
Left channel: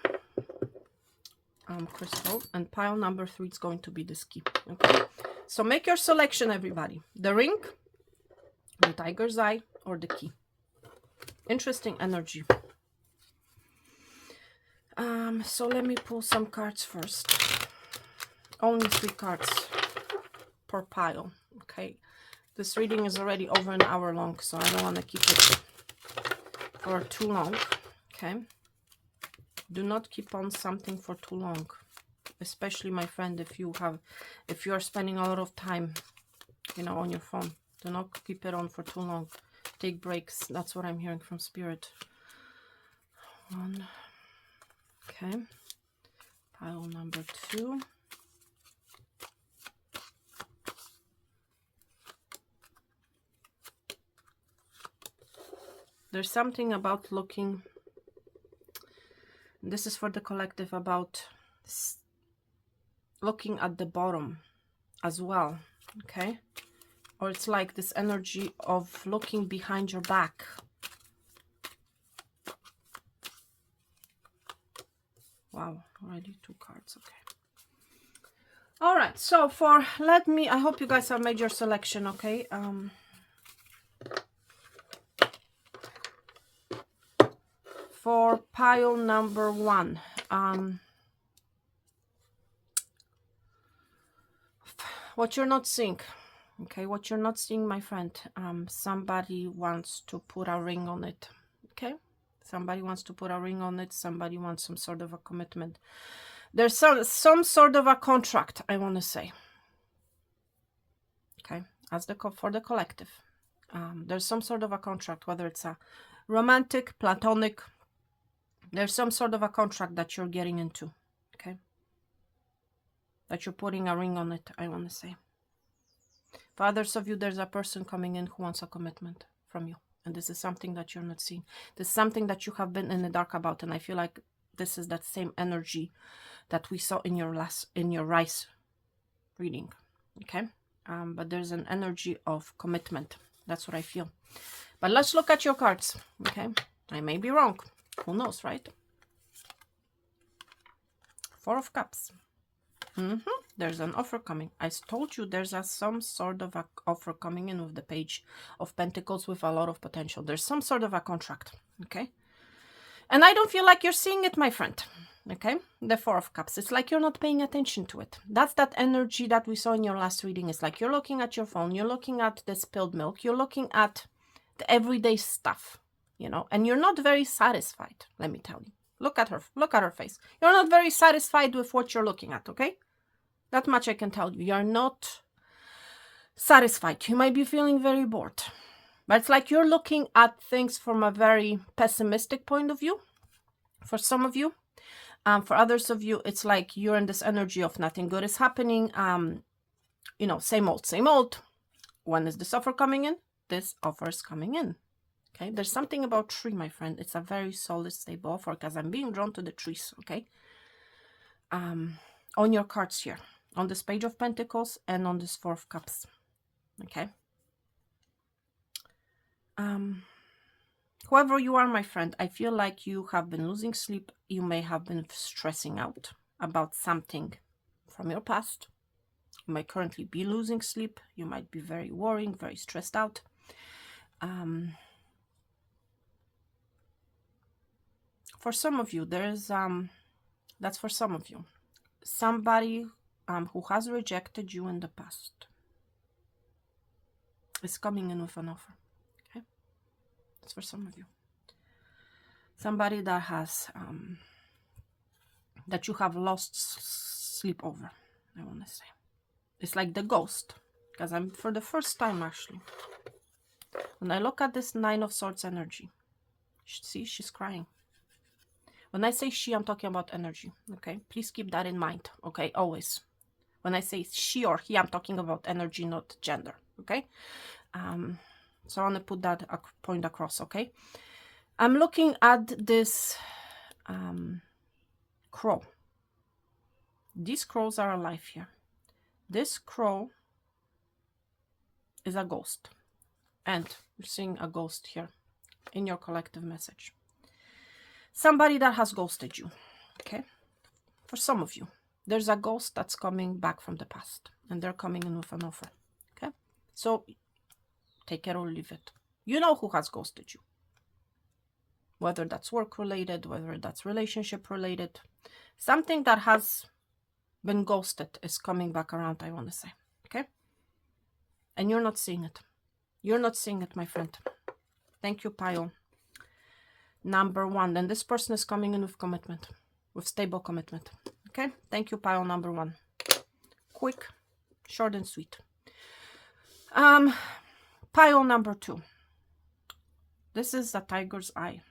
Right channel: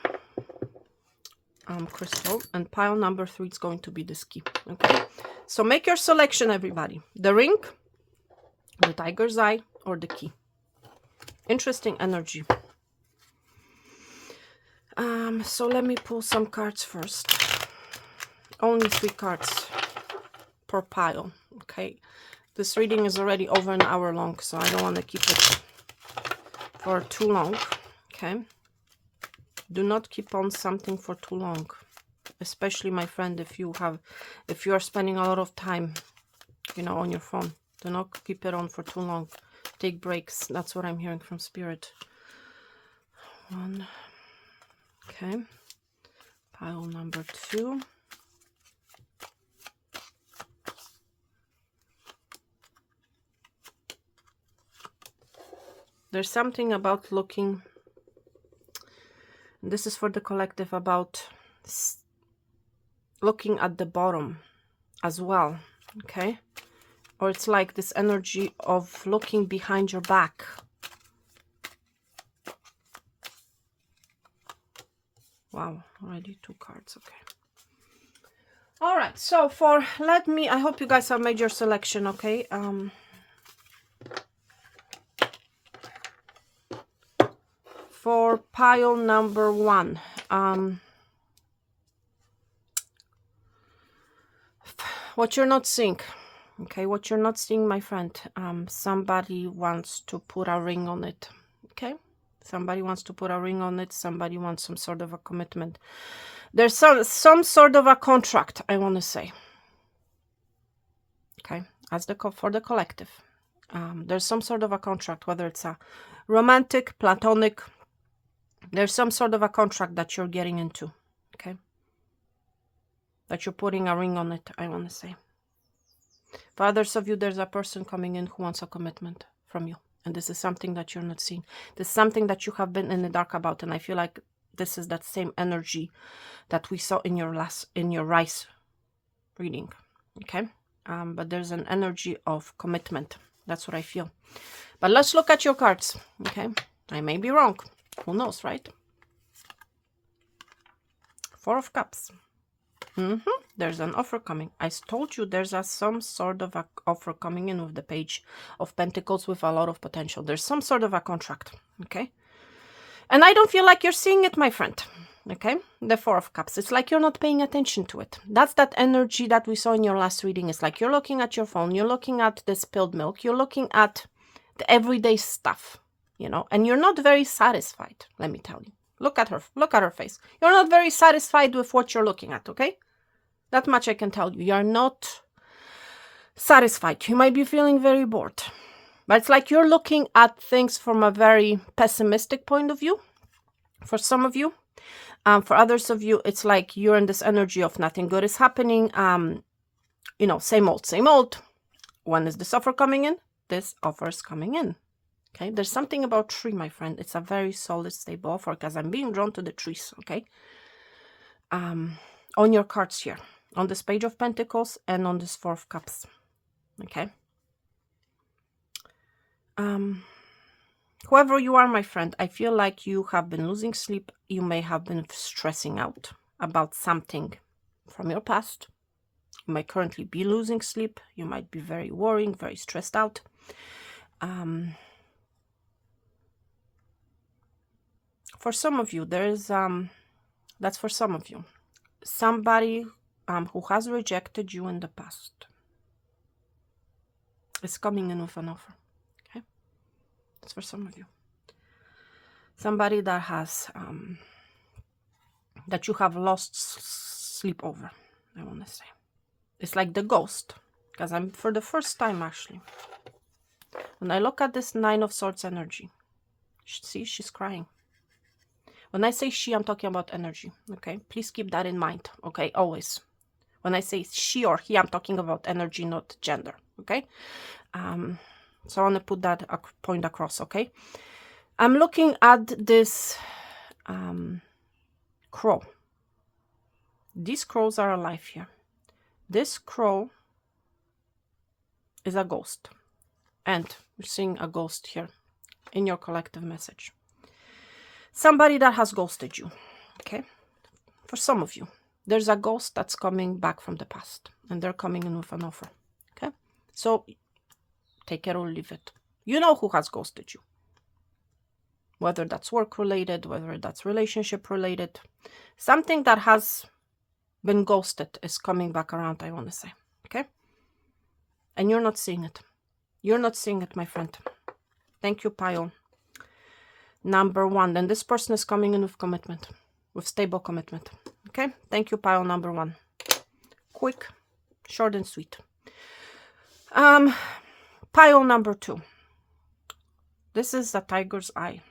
crystal, and pile number 3 is going to be this key. Okay, so make your selection, everybody. The ring, the tiger's eye, or the key. Interesting energy. So let me pull some cards first. Only 3 cards per pile. Okay, this reading is already over an hour long, so I don't want to keep it for too long. Okay, do not keep on something for too long, especially, my friend, if you are spending a lot of time, you know, on your phone. Do not keep it on for too long. Take breaks. That's what I'm hearing from Spirit. 1. Okay, pile number 2. There's something about looking, this is for the collective, about looking at the bottom as well. Okay, or it's like this energy of looking behind your back. Wow, already 2 cards. Okay. All right, so I hope you guys have made your selection. Okay, for pile number 1, what you're not seeing. Okay, what you're not seeing, my friend, somebody wants to put a ring on it. Okay, somebody wants to put a ring on it. Somebody wants some sort of a commitment. There's some sort of a contract, I want to say. Okay, as for the collective, there's some sort of a contract, whether it's a romantic, platonic. There's some sort of a contract that you're getting into. Okay, that you're putting a ring on it, I want to say. For others of you, there's a person coming in who wants a commitment from you. And this is something that you're not seeing. This is something that you have been in the dark about. And I feel like this is that same energy that we saw in your rice reading. Okay, but there's an energy of commitment. That's what I feel. But let's look at your cards. Okay, I may be wrong. Who knows, right? Four of Cups. There's an offer coming. I told you there's some sort of a offer coming in with the Page of Pentacles with a lot of potential. There's some sort of a contract. Okay, and I don't feel like you're seeing it, my friend. Okay, the Four of Cups. It's like you're not paying attention to it. That's that energy that we saw in your last reading. It's like you're looking at your phone, you're looking at the spilled milk, you're looking at the everyday stuff, you know, and you're not very satisfied, let me tell you. Look at her face. You're not very satisfied with what you're looking at, okay? That much I can tell you. You're not satisfied. You might be feeling very bored. But it's like you're looking at things from a very pessimistic point of view for some of you. For others of you, it's like you're in this energy of nothing good is happening. You know, same old, same old. When is this offer coming in? This offer is coming in. Okay, there's something about tree, my friend. It's a very solid, stable offer because I'm being drawn to the trees. Okay, on your cards here, on this Page of Pentacles and on this Four of Cups. Okay. Whoever you are, my friend, I feel like you have been losing sleep. You may have been stressing out about something from your past. You might currently be losing sleep. You might be very worrying, very stressed out. For some of you, there's that's for some of you. Somebody who has rejected you in the past is coming in with an offer. Okay, that's for some of you. Somebody that has that you have lost sleep over, I want to say. It's like the ghost, because I'm for the first time actually. When I look at this Nine of Swords energy, see, she's crying. When I say she, I'm talking about energy, okay? Please keep that in mind, okay? Always. When I say she or he, I'm talking about energy, not gender, okay? So I want to put that point across, okay? I'm looking at this crow. These crows are alive here. This crow is a ghost. And we're seeing a ghost here in your collective message. Somebody that has ghosted you, okay? For some of you, there's a ghost that's coming back from the past, and they're coming in with an offer, okay? So take it or leave it. You know who has ghosted you. Whether that's work-related, whether that's relationship-related. Something that has been ghosted is coming back around, I want to say, okay? And you're not seeing it. You're not seeing it, my friend. Thank you, Pile. Number one. Then this person is coming in with commitment, with stable commitment. Okay, thank you, Pile number one. Quick, short and sweet. Pile number two. This is the tiger's eye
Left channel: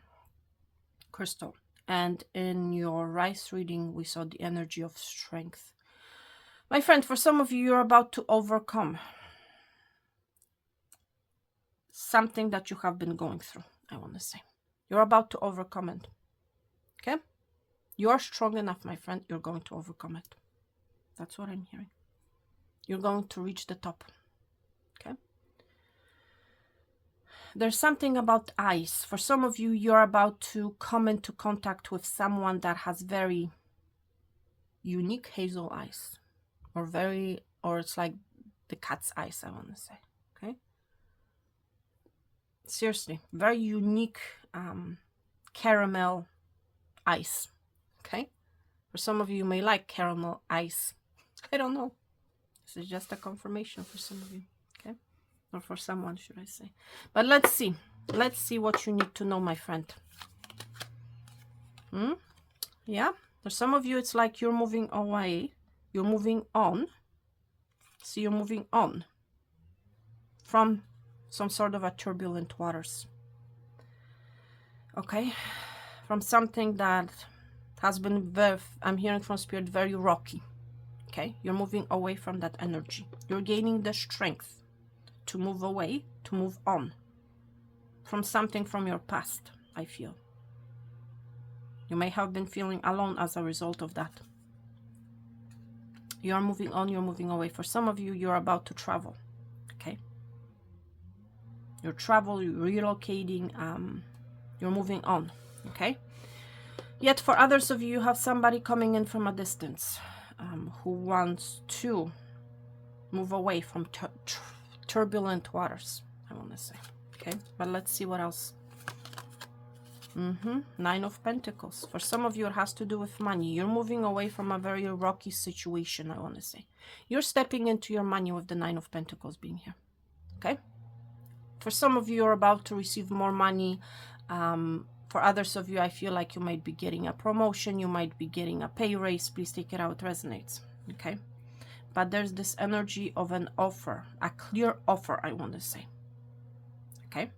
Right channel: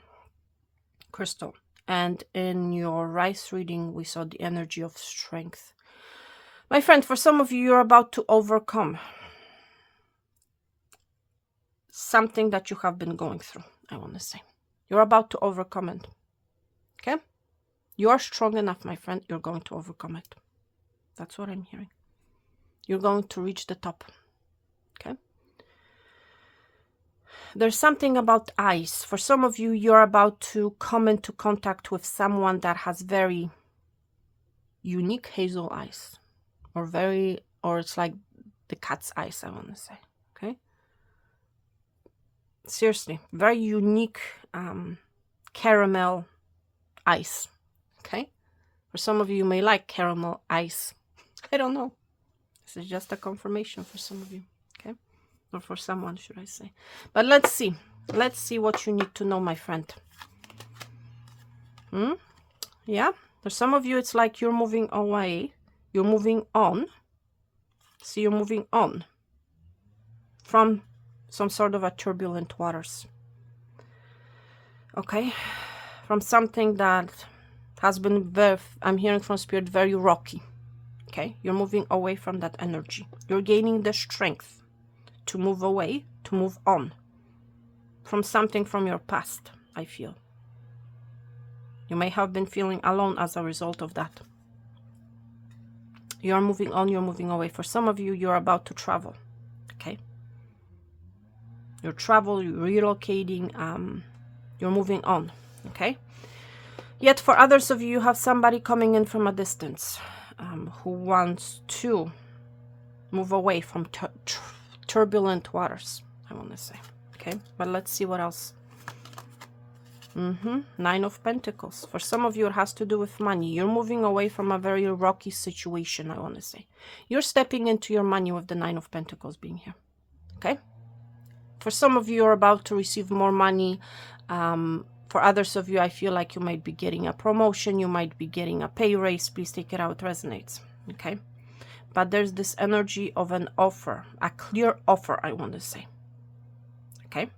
crystal, and in your rice reading we saw the energy of strength. My friend, for some of you, you're about to overcome something that you have been going through, I want to say. You're about to overcome it. Okay? You're strong enough, my friend. You're going to overcome it. That's what I'm hearing. You're going to reach the top. Okay? There's something about eyes. For some of you, you're about to come into contact with someone that has very unique hazel eyes. Or it's like the cat's eyes, I want to say. Okay? Seriously, very unique caramel ice. Okay, for some of you, you may like caramel ice. I don't know. This is just a confirmation for some of you. Okay, or for someone, should I say? But let's see. Let's see what you need to know, my friend. Yeah, for some of you, it's like you're moving away. You're moving on. See, you're moving on from some sort of a turbulent waters. Okay, from something that has been very, I'm hearing from Spirit, very rocky. Okay, you're moving away from that energy. You're gaining the strength to move away, to move on from something from your past, I feel. You may have been feeling alone as a result of that. You're moving on, you're moving away. For some of you, you're about to travel, okay? You're relocating, you're moving on, okay? Yet for others of you, you have somebody coming in from a distance who wants to move away from turbulent waters, I want to say, okay? But let's see what else. Nine of Pentacles. For some of you, it has to do with money. You're moving away from a very rocky situation, I want to say. You're stepping into your money with the Nine of Pentacles being here, okay? For some of you, you're about to receive more money. For others of you, I feel like you might be getting a promotion. You might be getting a pay raise. Please take it out. It resonates, okay? But there's this energy of an offer, a clear offer, I want to say, okay?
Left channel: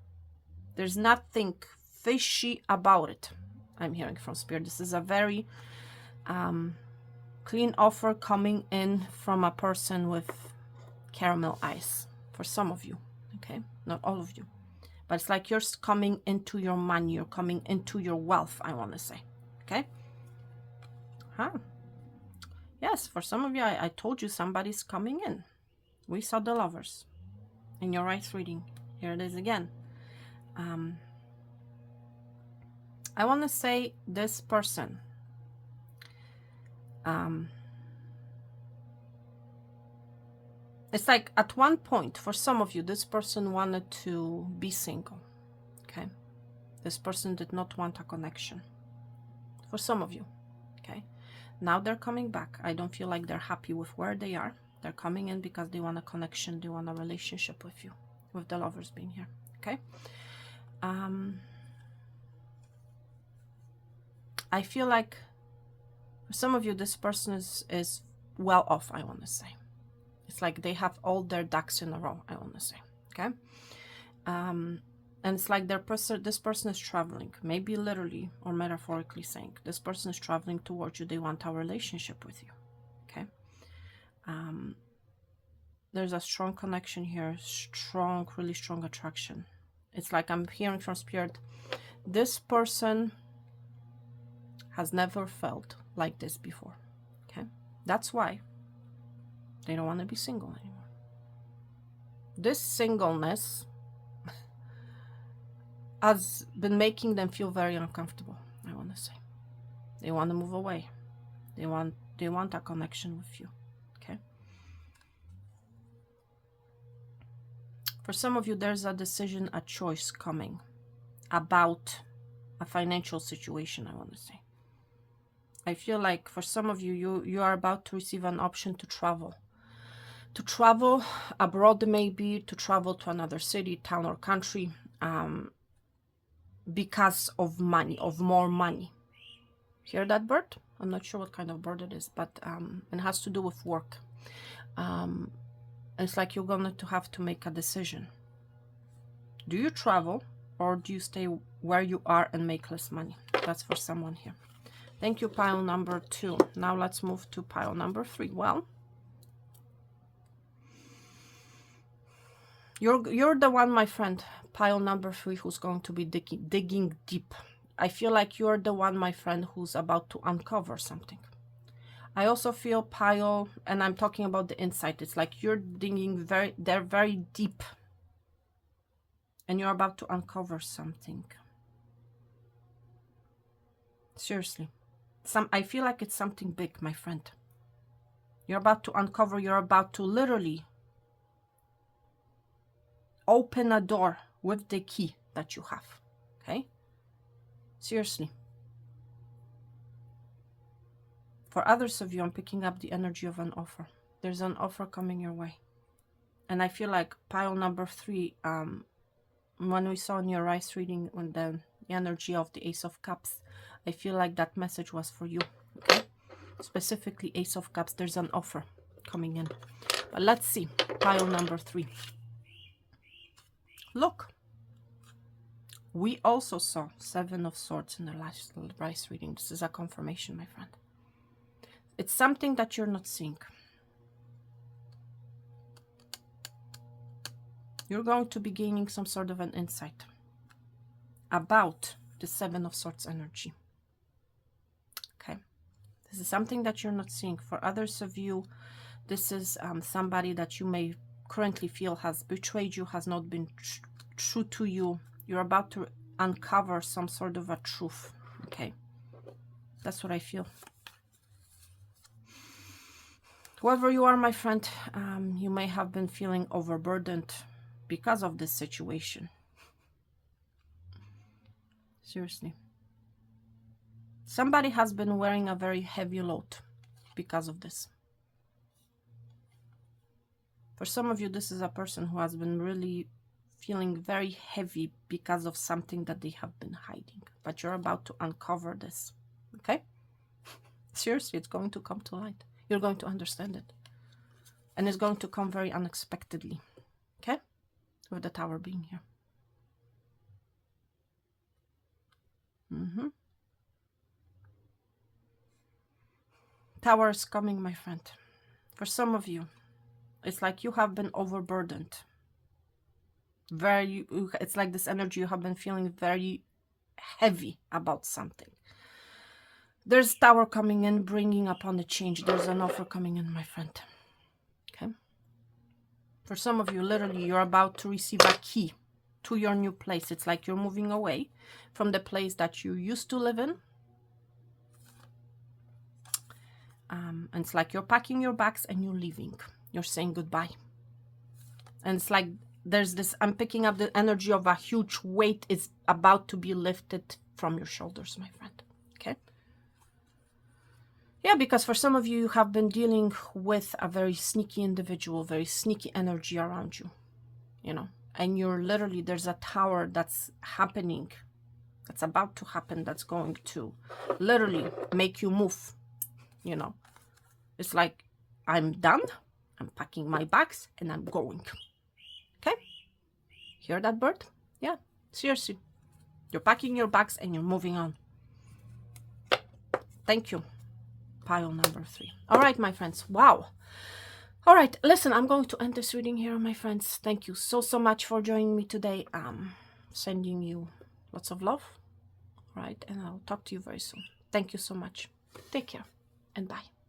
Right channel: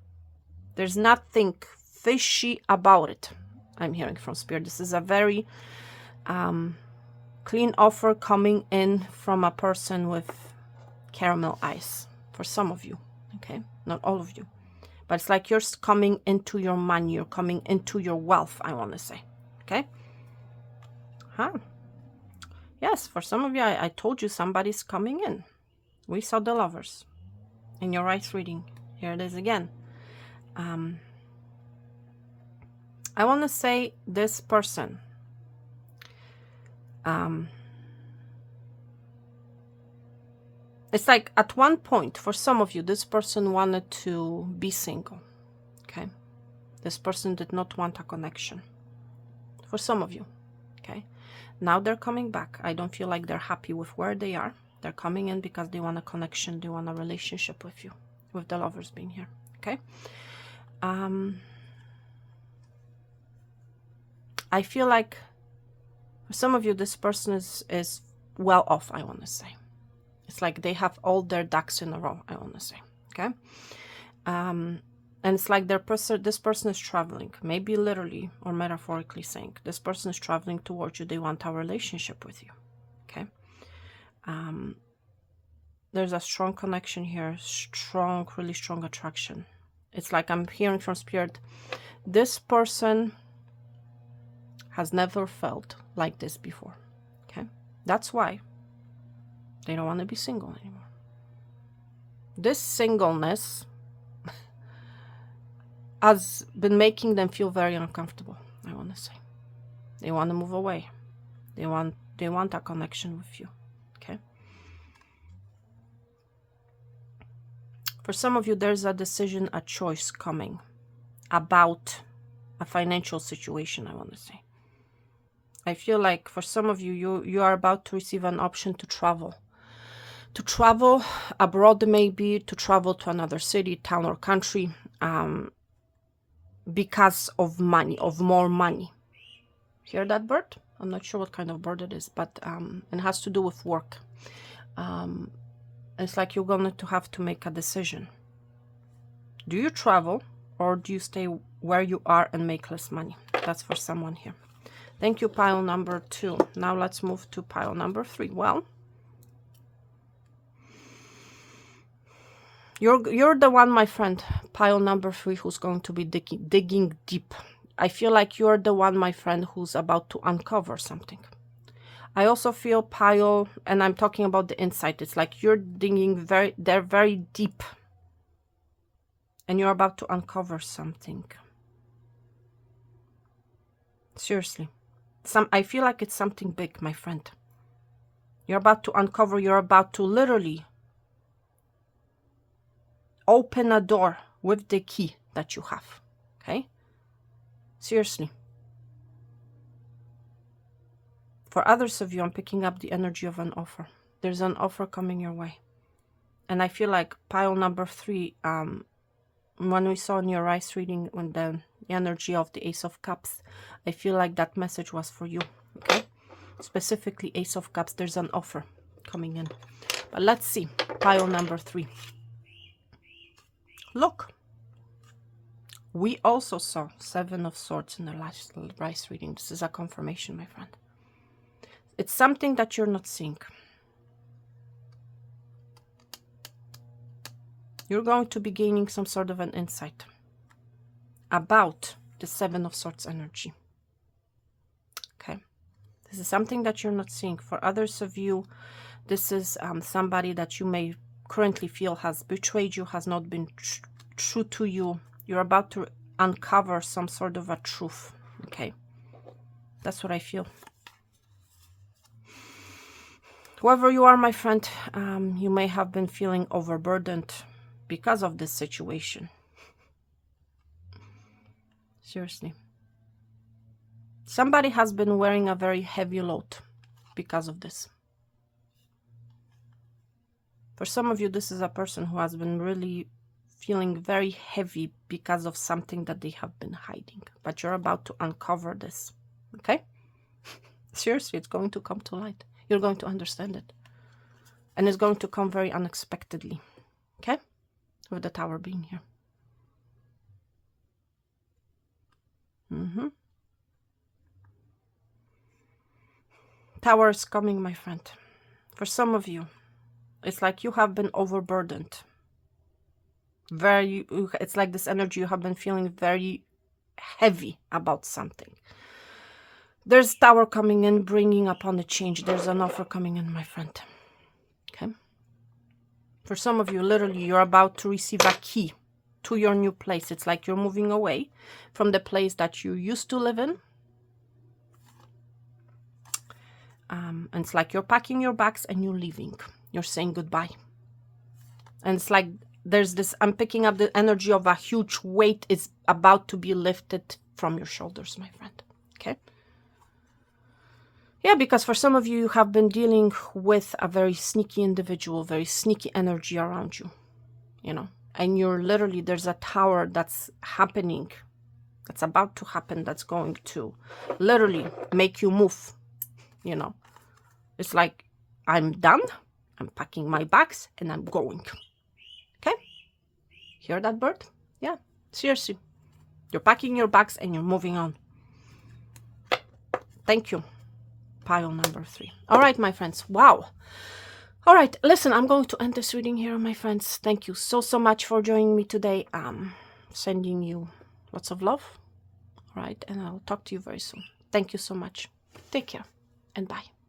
There's nothing fishy about it, I'm hearing from Spirit. This is a very clean offer coming in from a person with caramel eyes, for some of you, okay? Not all of you. But it's like you're coming into your money, you're coming into your wealth, I want to say, okay? Yes, for some of you, I told you somebody's coming in. We saw the Lovers in your right reading. Here it is again. I want to say this person it's like at one point, for some of you, this person wanted to be single, okay? This person did not want a connection, for some of you, okay? Now they're coming back. I don't feel like they're happy with where they are. They're coming in because they want a connection, they want a relationship with you, with the Lovers being here, okay? I feel like for some of you, this person is well off, I want to say. It's like they have all their ducks in a row, I want to say, okay? And it's like this person is traveling, maybe literally or metaphorically saying, this person is traveling towards you. They want a relationship with you, okay? There's a strong connection here, really strong attraction. It's like I'm hearing from Spirit, this person has never felt like this before, okay? That's why they don't want to be single anymore. This singleness has been making them feel very uncomfortable, I want to say. They want to move away. They want a connection with you, okay? For some of you, there's a decision, a choice coming about a financial situation, I want to say. I feel like for some of you, you are about to receive an option to travel. To travel abroad, maybe, to travel to another city, town, or country, because of money, of more money. Hear that bird? I'm not sure what kind of bird it is, but it has to do with work. It's like you're going to have to make a decision. Do you travel or do you stay where you are and make less money? That's for someone here. Thank you, pile number 2. Now let's move to pile number 3. Well, you're the one, my friend, pile number 3, who's going to be digging deep. I feel like you're the one, my friend, who's about to uncover something. I also feel pile, and I'm talking about the insight. It's like you're digging very deep, and you're about to uncover something. Seriously, I feel like it's something big, my friend. You're about to uncover. You're about to literally open a door with the key that you have, okay? Seriously. For others of you, I'm picking up the energy of an offer. There's an offer coming your way. And I feel like pile number 3, when we saw in your eyes reading when the energy of the Ace of Cups, I feel like that message was for you, okay? Specifically Ace of Cups, there's an offer coming in. But let's see, pile number 3. Look, we also saw 7 of Swords in the last rice reading. This is a confirmation, my friend. It's something that you're not seeing. You're going to be gaining some sort of an insight about the 7 of Swords energy. This is something that you're not seeing. For others of you, this is somebody that you may currently feel has betrayed you, has not been true to you. You're about to uncover some sort of a truth. Okay, that's what I feel. Whoever you are, my friend, you may have been feeling overburdened because of this situation. Seriously. Somebody has been wearing a very heavy load because of this. For some of you, this is a person who has been really feeling very heavy because of something that they have been hiding. But you're about to uncover this. Okay? Seriously, it's going to come to light. You're going to understand it. And it's going to come very unexpectedly. Okay? With the Tower being here. Tower is coming, my friend. For some of you, it's like you have been overburdened. It's like this energy, you have been feeling very heavy about something. There's Tower coming in, bringing upon a change. There's an offer coming in, my friend. Okay? For some of you, literally, you're about to receive a key to your new place. It's like you're moving away from the place that you used to live in. And it's like you're packing your bags and you're leaving. You're saying goodbye. And it's like there's this, I'm picking up the energy of a huge weight is about to be lifted from your shoulders, my friend. Okay? Yeah, because for some of you, you have been dealing with a very sneaky individual, very sneaky energy around you, you know. And you're literally, there's a tower that's happening, that's about to happen, that's going to literally make you move, you know. It's like, I'm done, I'm packing my bags, and I'm going. Okay? Hear that, bird? Yeah, seriously. You're packing your bags and you're moving on. Thank you. Pile number 3. All right, my friends. Wow. All right, listen, I'm going to end this reading here, my friends. Thank you so much for joining me today. Sending you lots of love. All right, and I'll talk to you very soon. Thank you so much. Take care and bye.